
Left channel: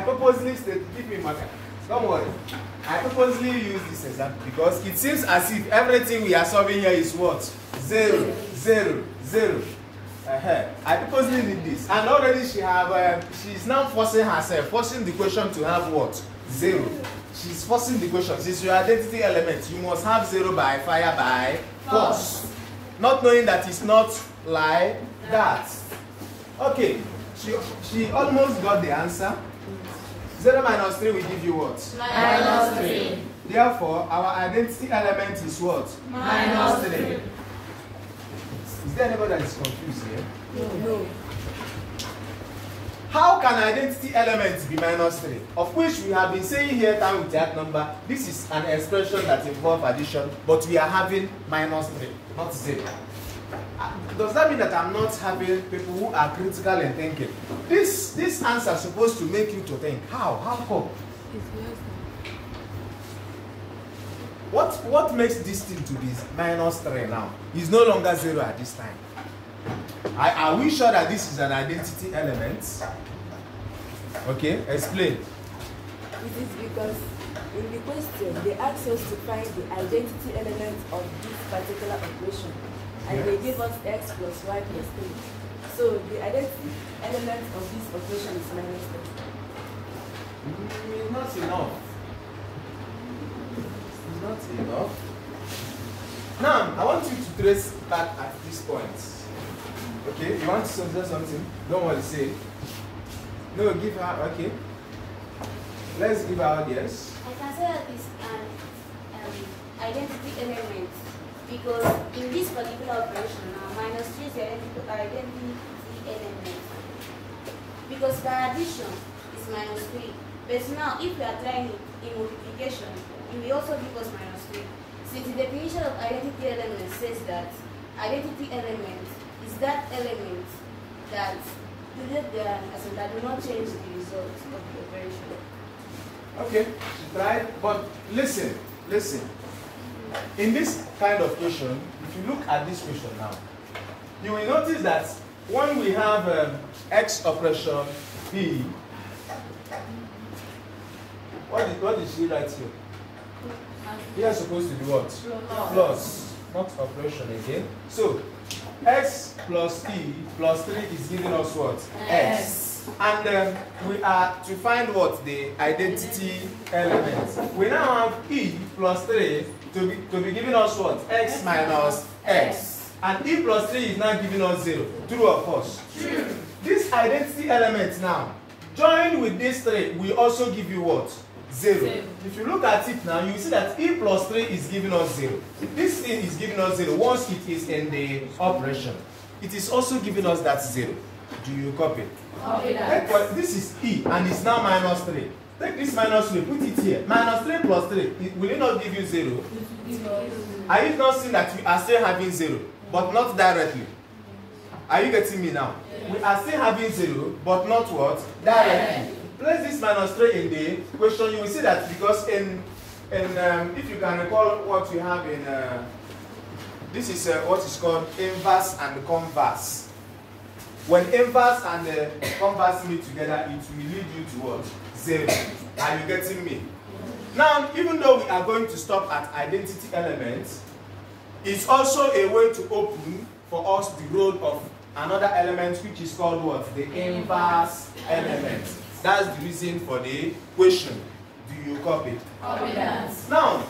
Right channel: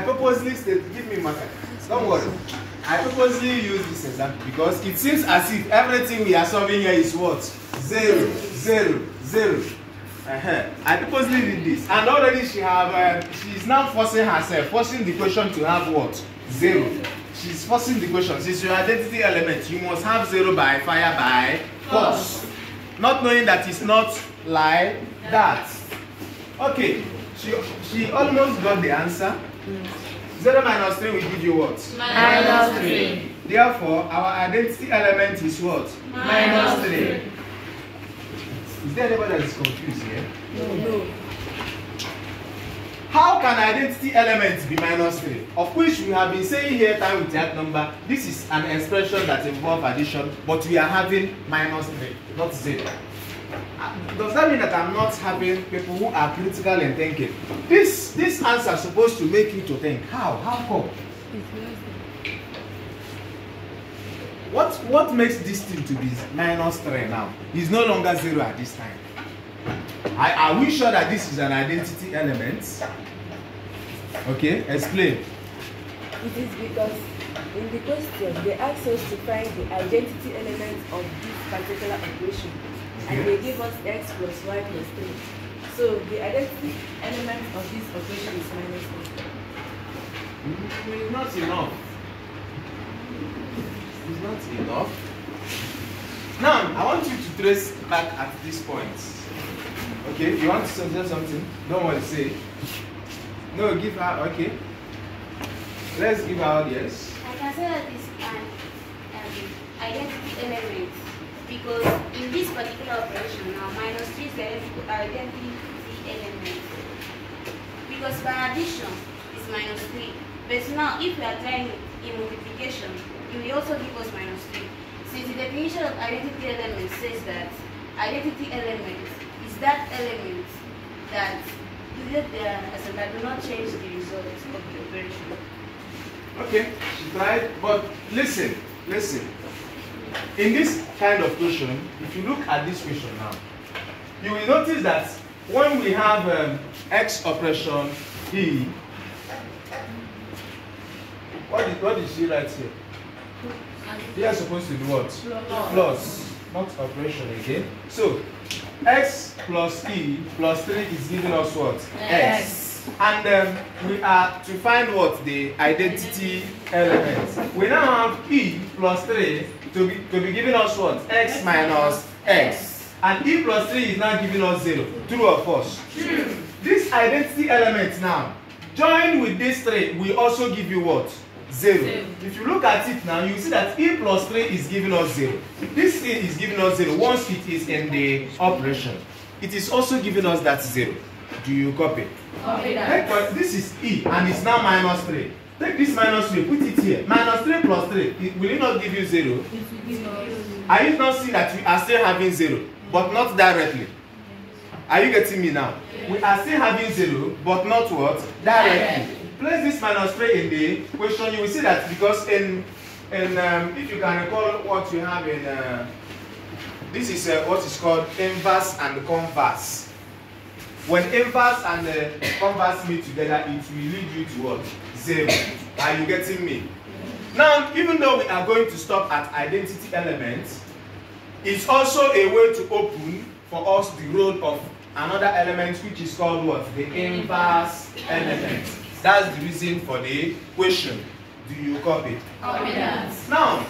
purposely state, give me marker. Don't worry. I purposely use this example because it seems as if everything we are solving here is what? 0, 0, 0. I purposely did this, and already she's now forcing herself, forcing the question to have what? 0. She's forcing the question. Since your identity element, you must have 0 by fire by force. Not knowing that it's not like that. Okay, she almost got the answer. 0 minus 3 will give you what? minus 3. Therefore, our identity element is what? Minus 3. Is there anybody that is confused here? No. How can identity elements be minus 3? Of which we have been saying here time with that number, this is an expression that involves addition, but we are having minus 3, not 0. Does that mean that I'm not having people who are critical in thinking? This answer is supposed to make you to think. How? How come? What makes this thing to be minus 3 now? It's no longer 0 at this time. Are we sure that this is an identity element? Okay, explain. It is because in the question they asked us to find the identity element of this particular operation, and they give us x plus y plus 3. So the identity element of this operation is minus 3. It's not enough. It's not enough. Now, I want you to trace back at this point. Okay, you want to say something? Don't want to say. No, give her, okay. Let's give her yes. I can say that it's an identity element because in this particular operation now, minus 3 is the identity element. Because by addition is minus 3. But now, if we are trying in multiplication, it will also give us minus 3. Since the definition of identity element says that identity element is that element that do not change the result of the operation. Okay, she tried, but listen. In this kind of question, if you look at this question now, you will notice that when we have x operation E, what did she write here? They are supposed to do what? Plus, not operation again. So, x plus e plus 3 is giving us what? X. And we are to find what? The identity element. We now have e plus 3 to be giving us what? X minus x. And e plus 3 is now giving us 0. True or false? True. This identity element now, joined with this 3, will also give you what? 0. If you look at it now, you see that E plus 3 is giving us 0. This E is giving us 0 once it is in the operation. It is also giving us that 0. Do you copy? Copy that. This is E and it's now minus 3. Take this minus 3, put it here. Minus 3 plus 3, will it not give you 0? Are you not seeing that we are still having 0, but not directly? Are you getting me now? We are still having 0, but not what? Directly. Place this minus 3 in the question. You will see that because if you can recall what we have in this is what is called inverse and converse. When inverse and converse meet together, it will lead you to what? 0. Are you getting me? Now, even though we are going to stop at identity elements, it's also a way to open for us the role of another element which is called what? The inverse element. That's the reason for the question. Do you copy? Copy that. Now,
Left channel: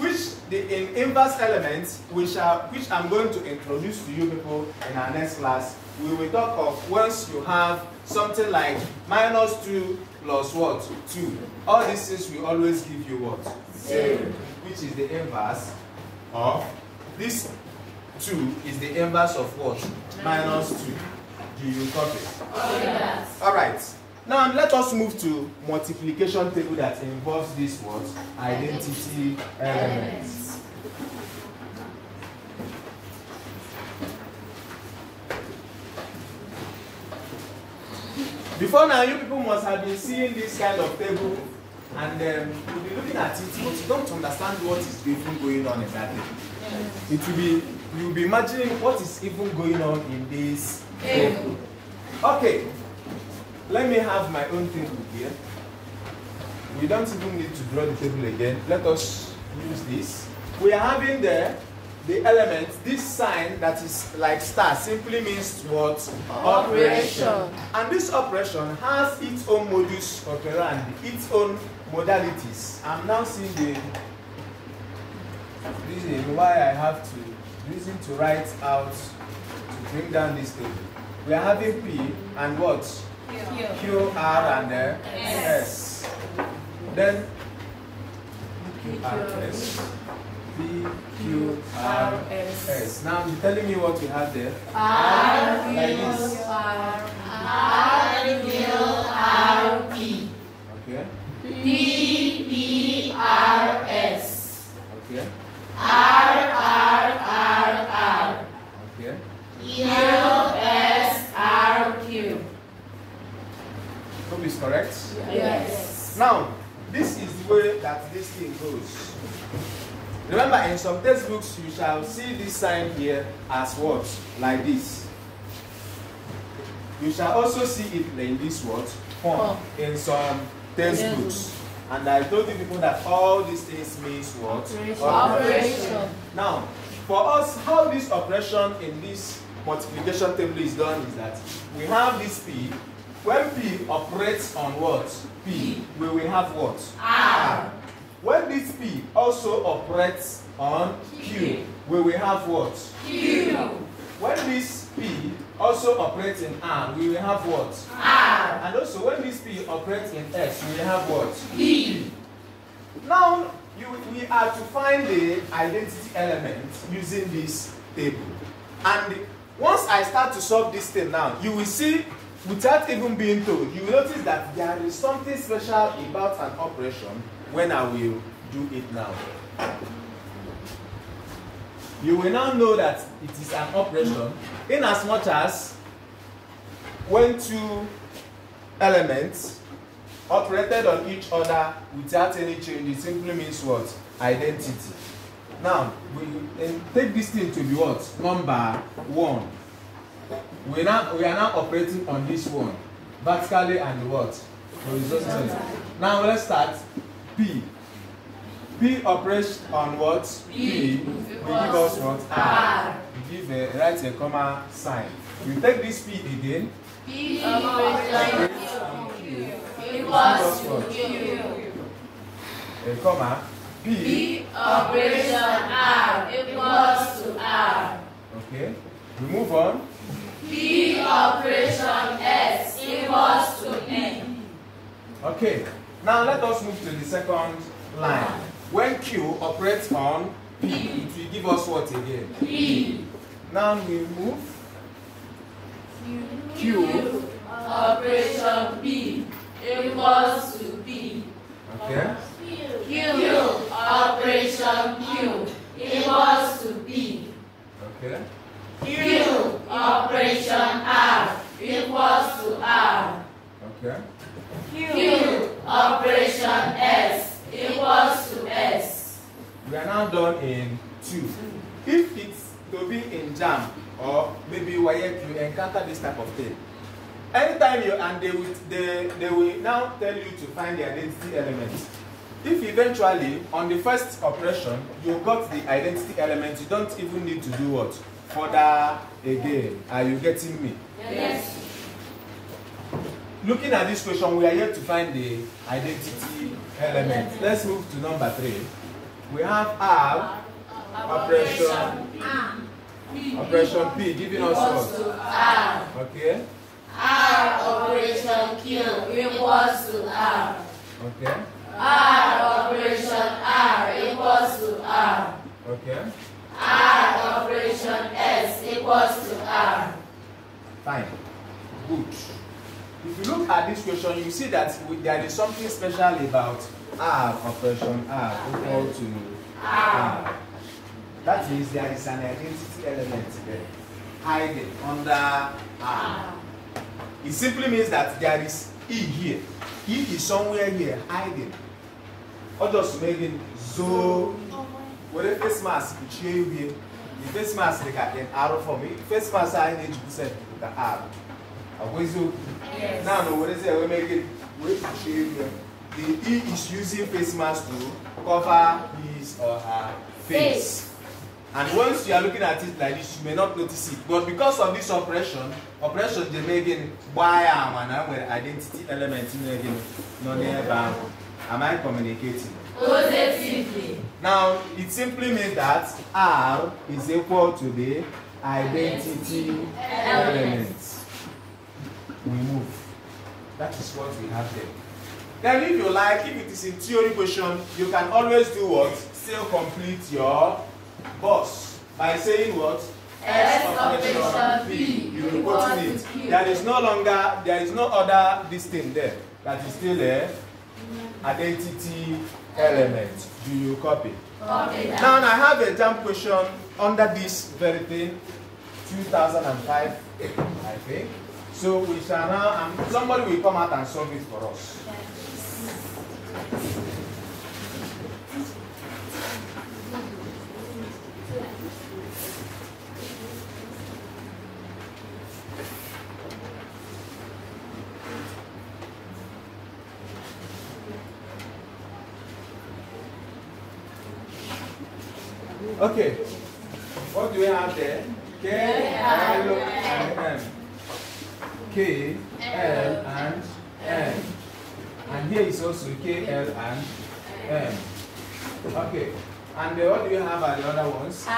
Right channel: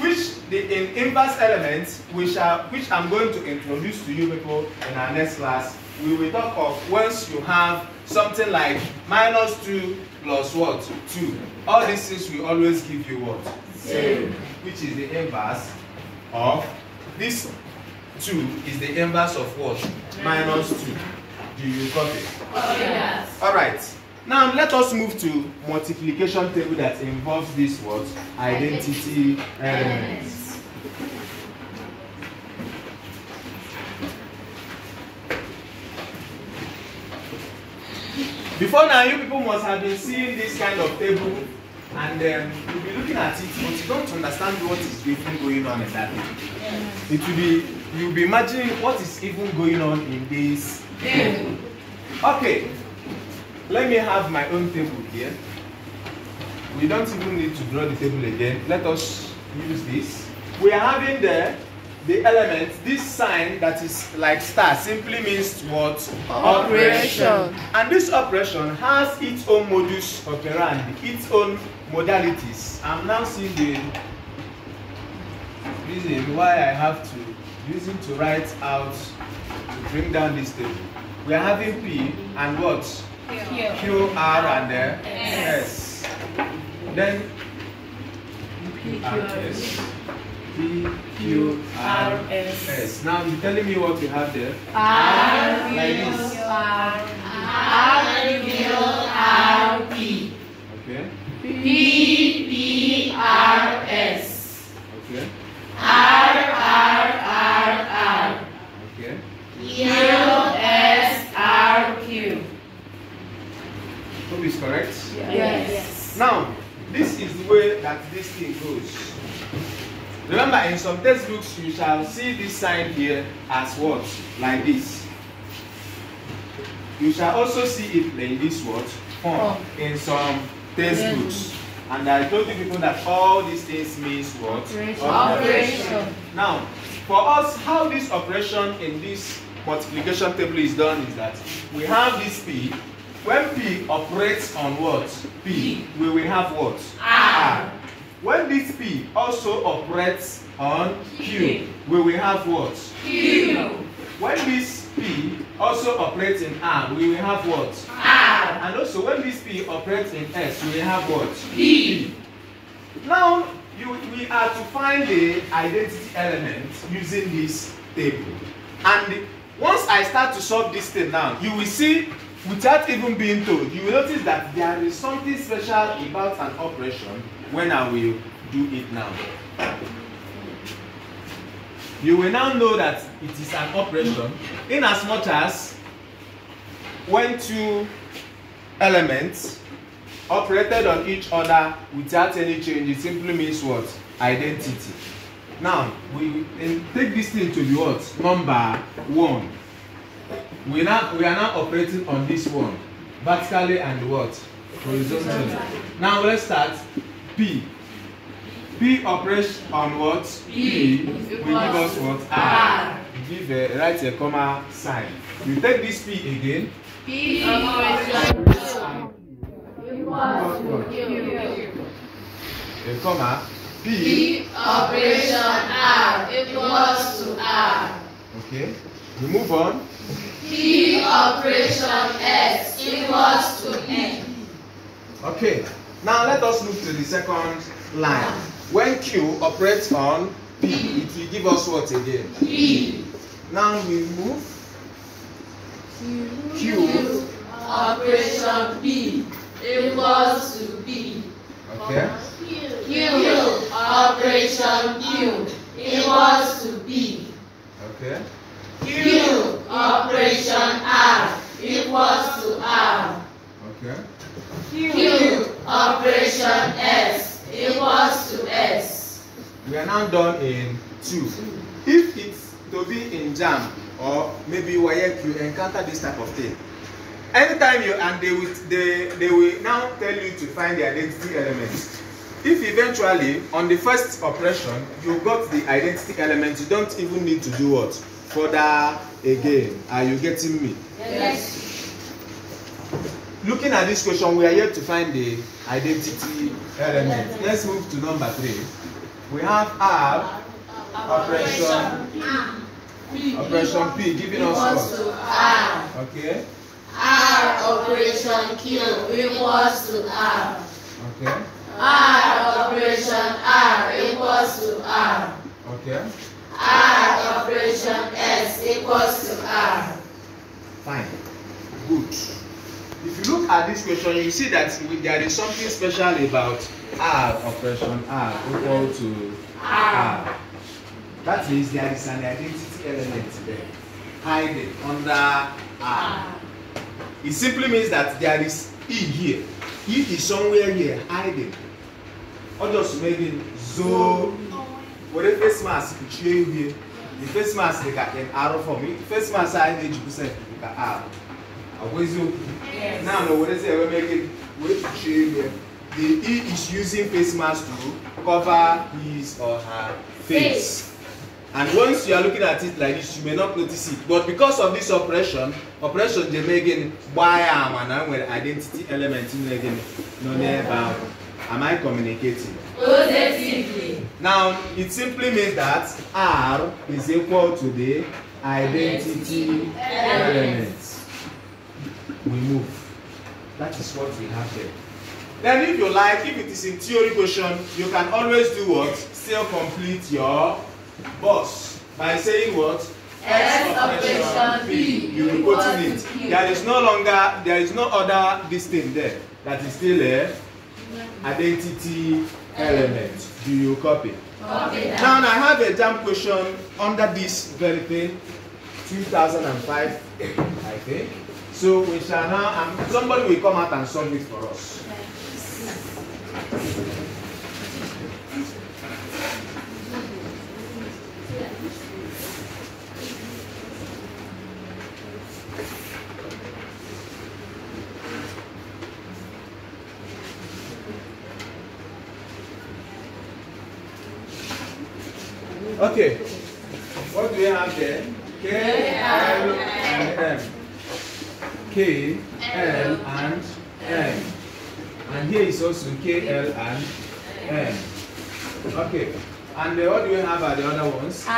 in inverse elements, which I'm going to introduce to you people in our next class, we will talk of once you have something like minus 2 plus what? 2. All these things will always give you what? 0. Which is the inverse of this 2 is the inverse of what? Minus 2. Do you copy? Copy that. Alright. Now let us move to multiplication table that involves this what? Identity elements. Before now, you people must have been seeing this kind of table and you'll be looking at it, but you don't understand what is even going on in that table. You'll be imagining what is even going on in this table. Okay. Let me have my own table here. We don't even need to draw the table again. Let us use this. We are having the element, this sign that is like star simply means what? Operation. And this operation has its own modus operandi, its own modalities. I'm now seeing the reason why I have to use it to write out to bring down this table. We are having P and what? Q, R, and S. Then P, R, S. P, Q, R, S. Now you're telling me what you have there? R, like Q, this. R, Q, R, P. Okay. P, P, R, S. Okay. R, R. Okay. Q, S, R, Q. Hope is correct? Yes. Now, this is the way that this thing goes. Remember, in some textbooks, you shall see this sign here as what? Like this. You shall also see it in this what? Form. In some textbooks. And I told you people that all these things means what? Operation. Now, for us, how this operation in this multiplication table is done is that we have this P. When P operates on what? P, we will have what? R. When this P also operates on Q, we will have what? Q. When this P also operates in R, we will have what? R. And also when this P operates in S, we will have what? P. Now, we are to find the identity element using this table. And once I start to solve this thing now, you will see, without even being told, you will notice that there is something special about an operation when I will do it now. You will now know that it is an operation in as much as when two elements operated on each other without any change, it simply means what? Identity. Now, we take this thing to be what? Number 1. We are now operating on this one, vertically and what? Horizontally. Now let's start. P. P operates on what? P will give us what? R. Write a comma sign. We take this P again. P operation equals to Q. A comma. P operation R equals to R. Okay. We move on. P operation S equals to N. Okay. Now let us move to the second line. When Q operates on P, it will give us what again? P. Now we move Q operation P equals to P. Okay. Q operation Q equals to P. Okay. Q operation R equals to R. Okay. Q operation S equals to S. We are now done in 2. If it's to be in jam or maybe where you encounter this type of thing, anytime you and they will now tell you to find the identity element. If eventually on the first operation you got the identity element, you don't even need to do what? Further again. Are you getting me? Yes. Looking at this question, we are yet to find the identity element. Let's move to number 3. We have R operation P giving us what? R. Okay. R operation Q equals to R. Okay. R operation R equals to R. Okay. R operation S equals to R. Fine. Good. If you look at this question, you see that there is something special about R operation R equal to R. That means there is an identity element there hiding under R. It simply means that there is E here. E is somewhere here hiding. Or just making zo. What if face mask here? The face mask they got an arrow for me. Face mask I need to percent R. Yes. Now, what is it? We make it. Wait to show you here. The E is using face mask to cover his or her face. And once you are looking at it like this, you may not notice it. But because of this operation they make it why am with identity element in again. No never. Am I communicating? Positively. Now it simply means that R is equal to the identity element. We move. That is what we have there. Then if you like, if it is in theory question, you can always do what? Still complete your boss by saying what? S operation P. You will put in it. There is no other this thing there. That is still a identity element. Do you copy? Copy that. Now I have a jam question under this very thing, 2005, I think. So we shall now, somebody will come out and solve it for us. Okay, what do we have there? K, L, and M. K, L, and M. And here is also K, L, and M. Okay, and what do we have at the other ones? L,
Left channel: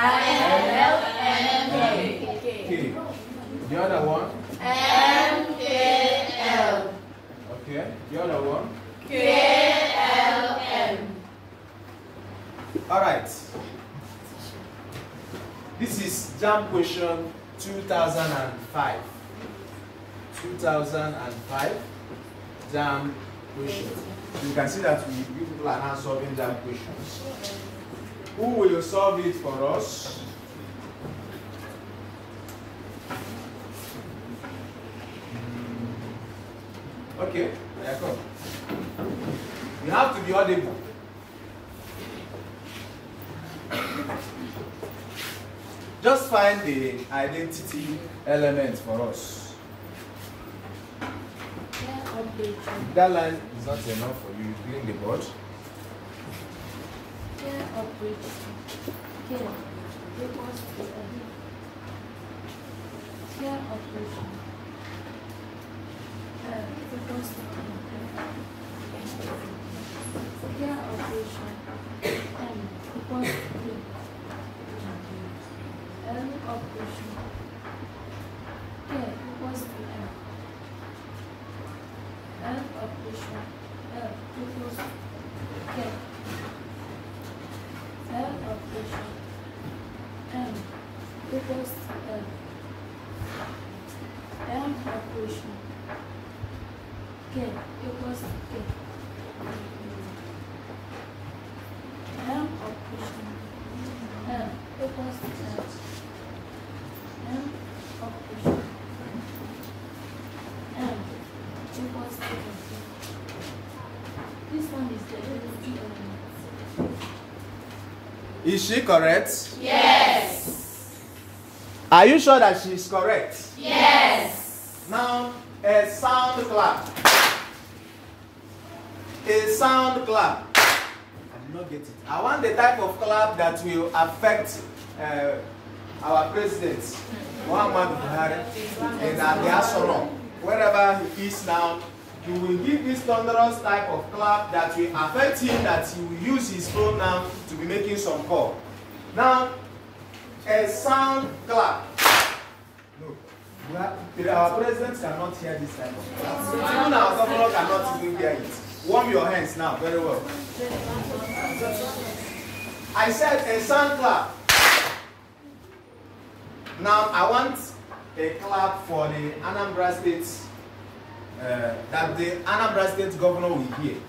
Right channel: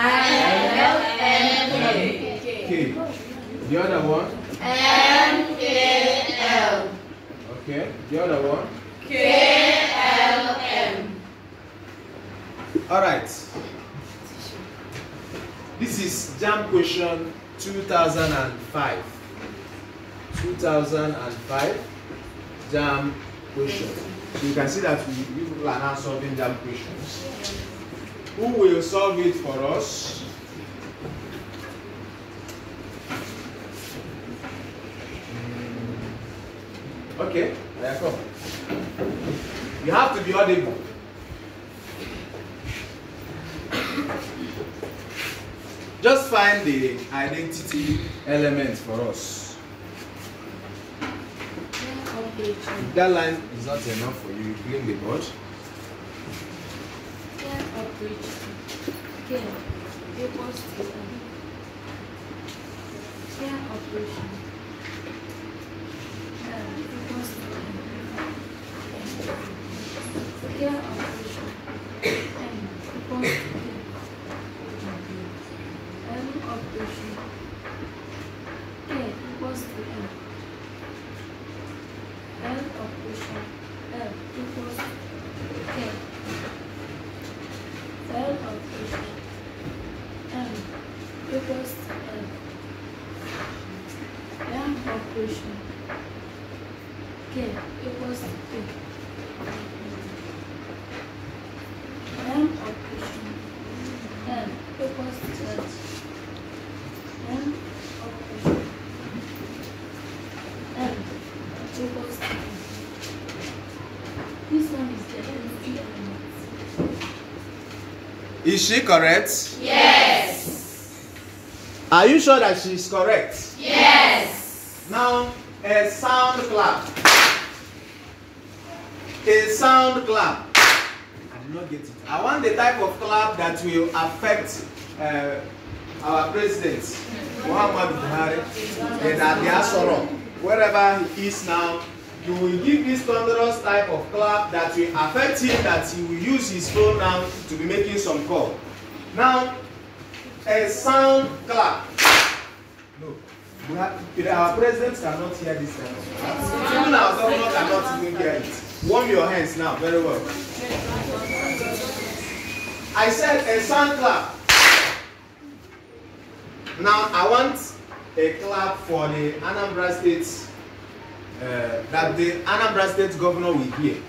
M, K. K. The other one? M, K, L. Okay, the other one? K, L, M. Alright. This is JAM question 2005. 2005 JAM question. So you can see that we people are now solving JAM questions. Who will solve it for us? Okay, there you go. You have to be audible. Just find the identity element for us. If that line is not enough for you, clean the board. operation. K equals to K. M operation. M equals to L. M operation. M equals to N. This one is the identity element. Is she correct? Yes. Are you sure that she is correct? Yes. Now, a sound clap. A sound clap. I did not get it. I want the type of clap that will affect our president, Muhammad Buhari, and Adiasoro. Wherever he is now, you will give this thunderous type of clap that will affect him, that he will use his phone now to be making some call. Now, a sound clap. No. Our president cannot hear this type of clap. Even our governor cannot even hear it. Warm your hands now, very well. I said a sound clap. Now, I want a clap for the Anambra State, that the Anambra State governor will hear.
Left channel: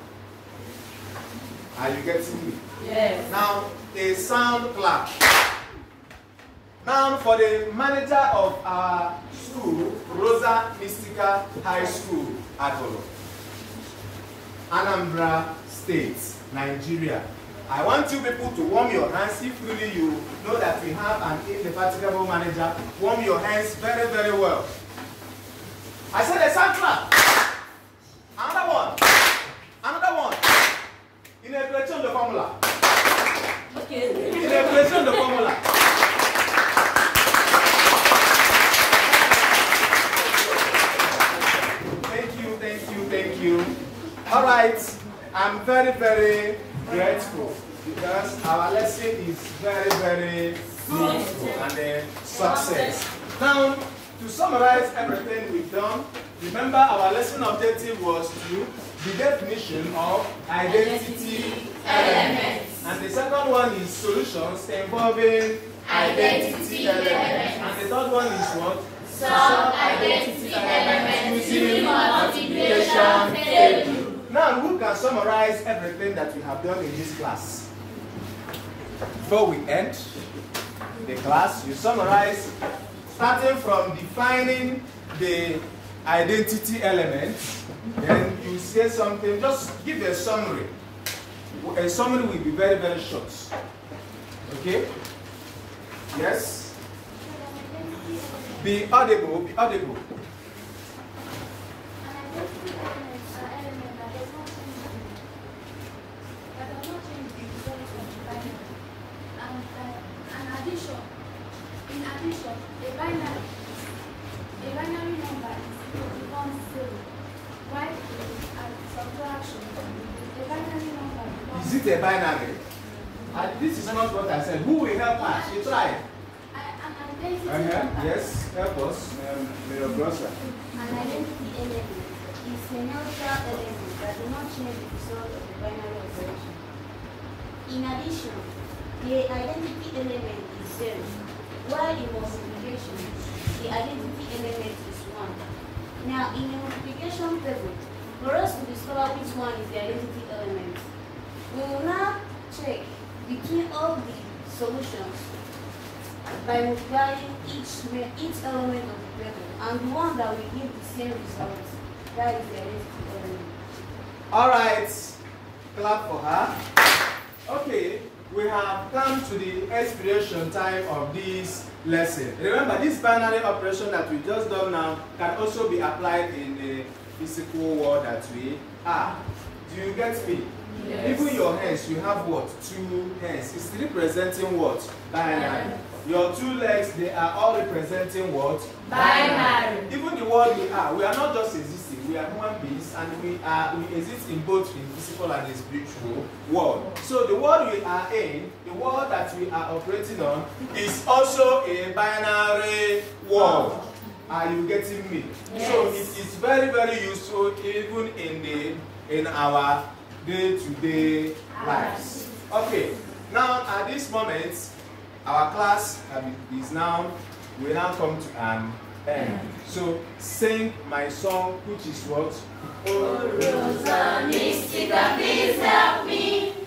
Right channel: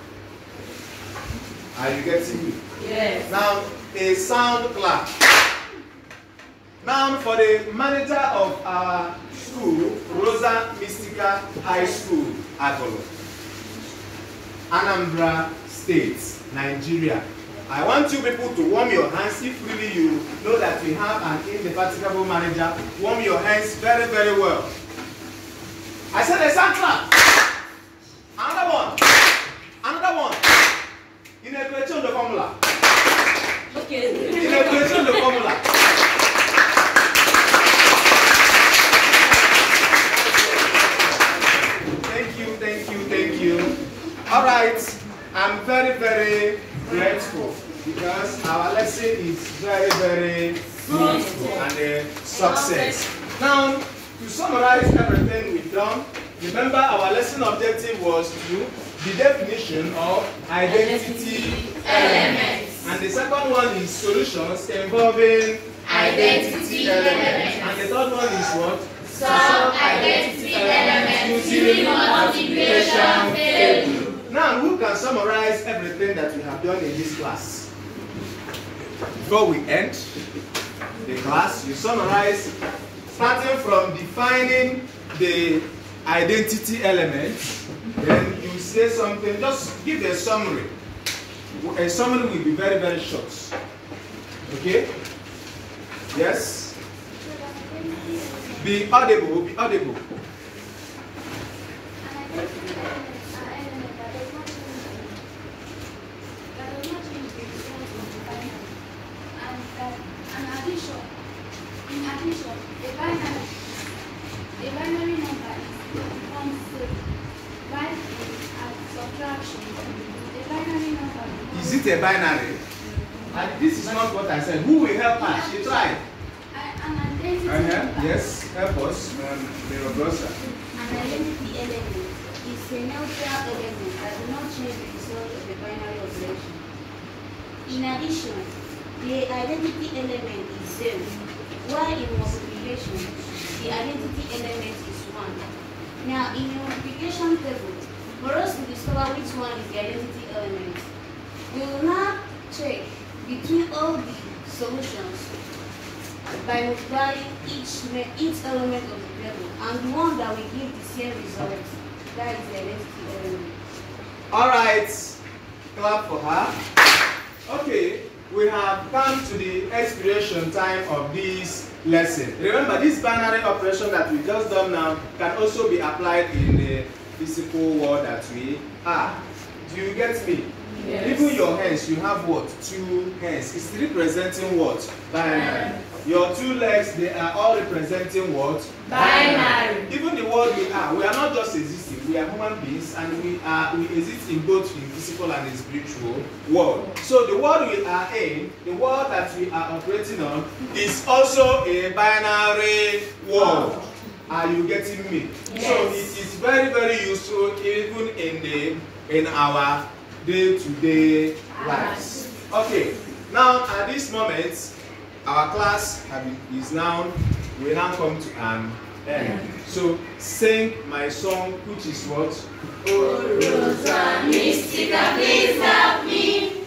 Are you getting me? Yes. Now, a sound clap. Now, for the manager of our school, Rosa Mystica High School, Agolo, Anambra State, Nigeria. I want you people to warm your hands. If really you know that we have an indefatigable manager, warm your hands very, very well. I said a sound clap. Another one. Another one. In a creation the formula. Okay. In a creation the formula. Thank you, thank you, thank you. All right. I'm very, very grateful because our lesson is very, very fruitful and a success. Now, to summarize everything we've done, remember our lesson objective was to the definition of identity elements. And the second one is solutions involving identity elements. And the third one is what? Some identity elements using multiplication table. Now, who can summarize everything that we have done in this class? Before we end the class, you summarize starting from defining the identity elements, then you say something, just give a summary. A summary will be very, very short. Okay? Yes? Be audible, be audible. A binary number becomes 0. While at subtraction, a binary number becomes... Is it a binary? This is not what I said. Who will help us? She tried. An identity number. Yes, help us, Rosa. An identity element is a neutral element that does not change the result of the binary operation. In addition, the identity element is 0, while in multiplication, the identity element is 1. Now, in the multiplication table, for us to discover which one is the identity element, we will now check between all the solutions by multiplying each element of the table, and the one that will give the same result, that is the identity element. All right, clap for her. Okay, we have come to the expiration time of this lesson. Remember, this binary operation that we just done now can also be applied in the physical world that we are. Do you get me? Yes. Even your hands, you have what? 2 hands. It's representing what? Binary. Your 2 legs, they are all representing what? Binary. Even the world we are not just existing. We are human beings, and we exist in both in physical and in spiritual world. So the world we are in, the world that we are operating on, is also a binary world. Are you getting me? Yes. So it is very, very useful even in our day-to-day lives. Okay. Now at this moment, our class we now come to an N. So sing my song, which is what? Oh, Rosa, mystica, please help me.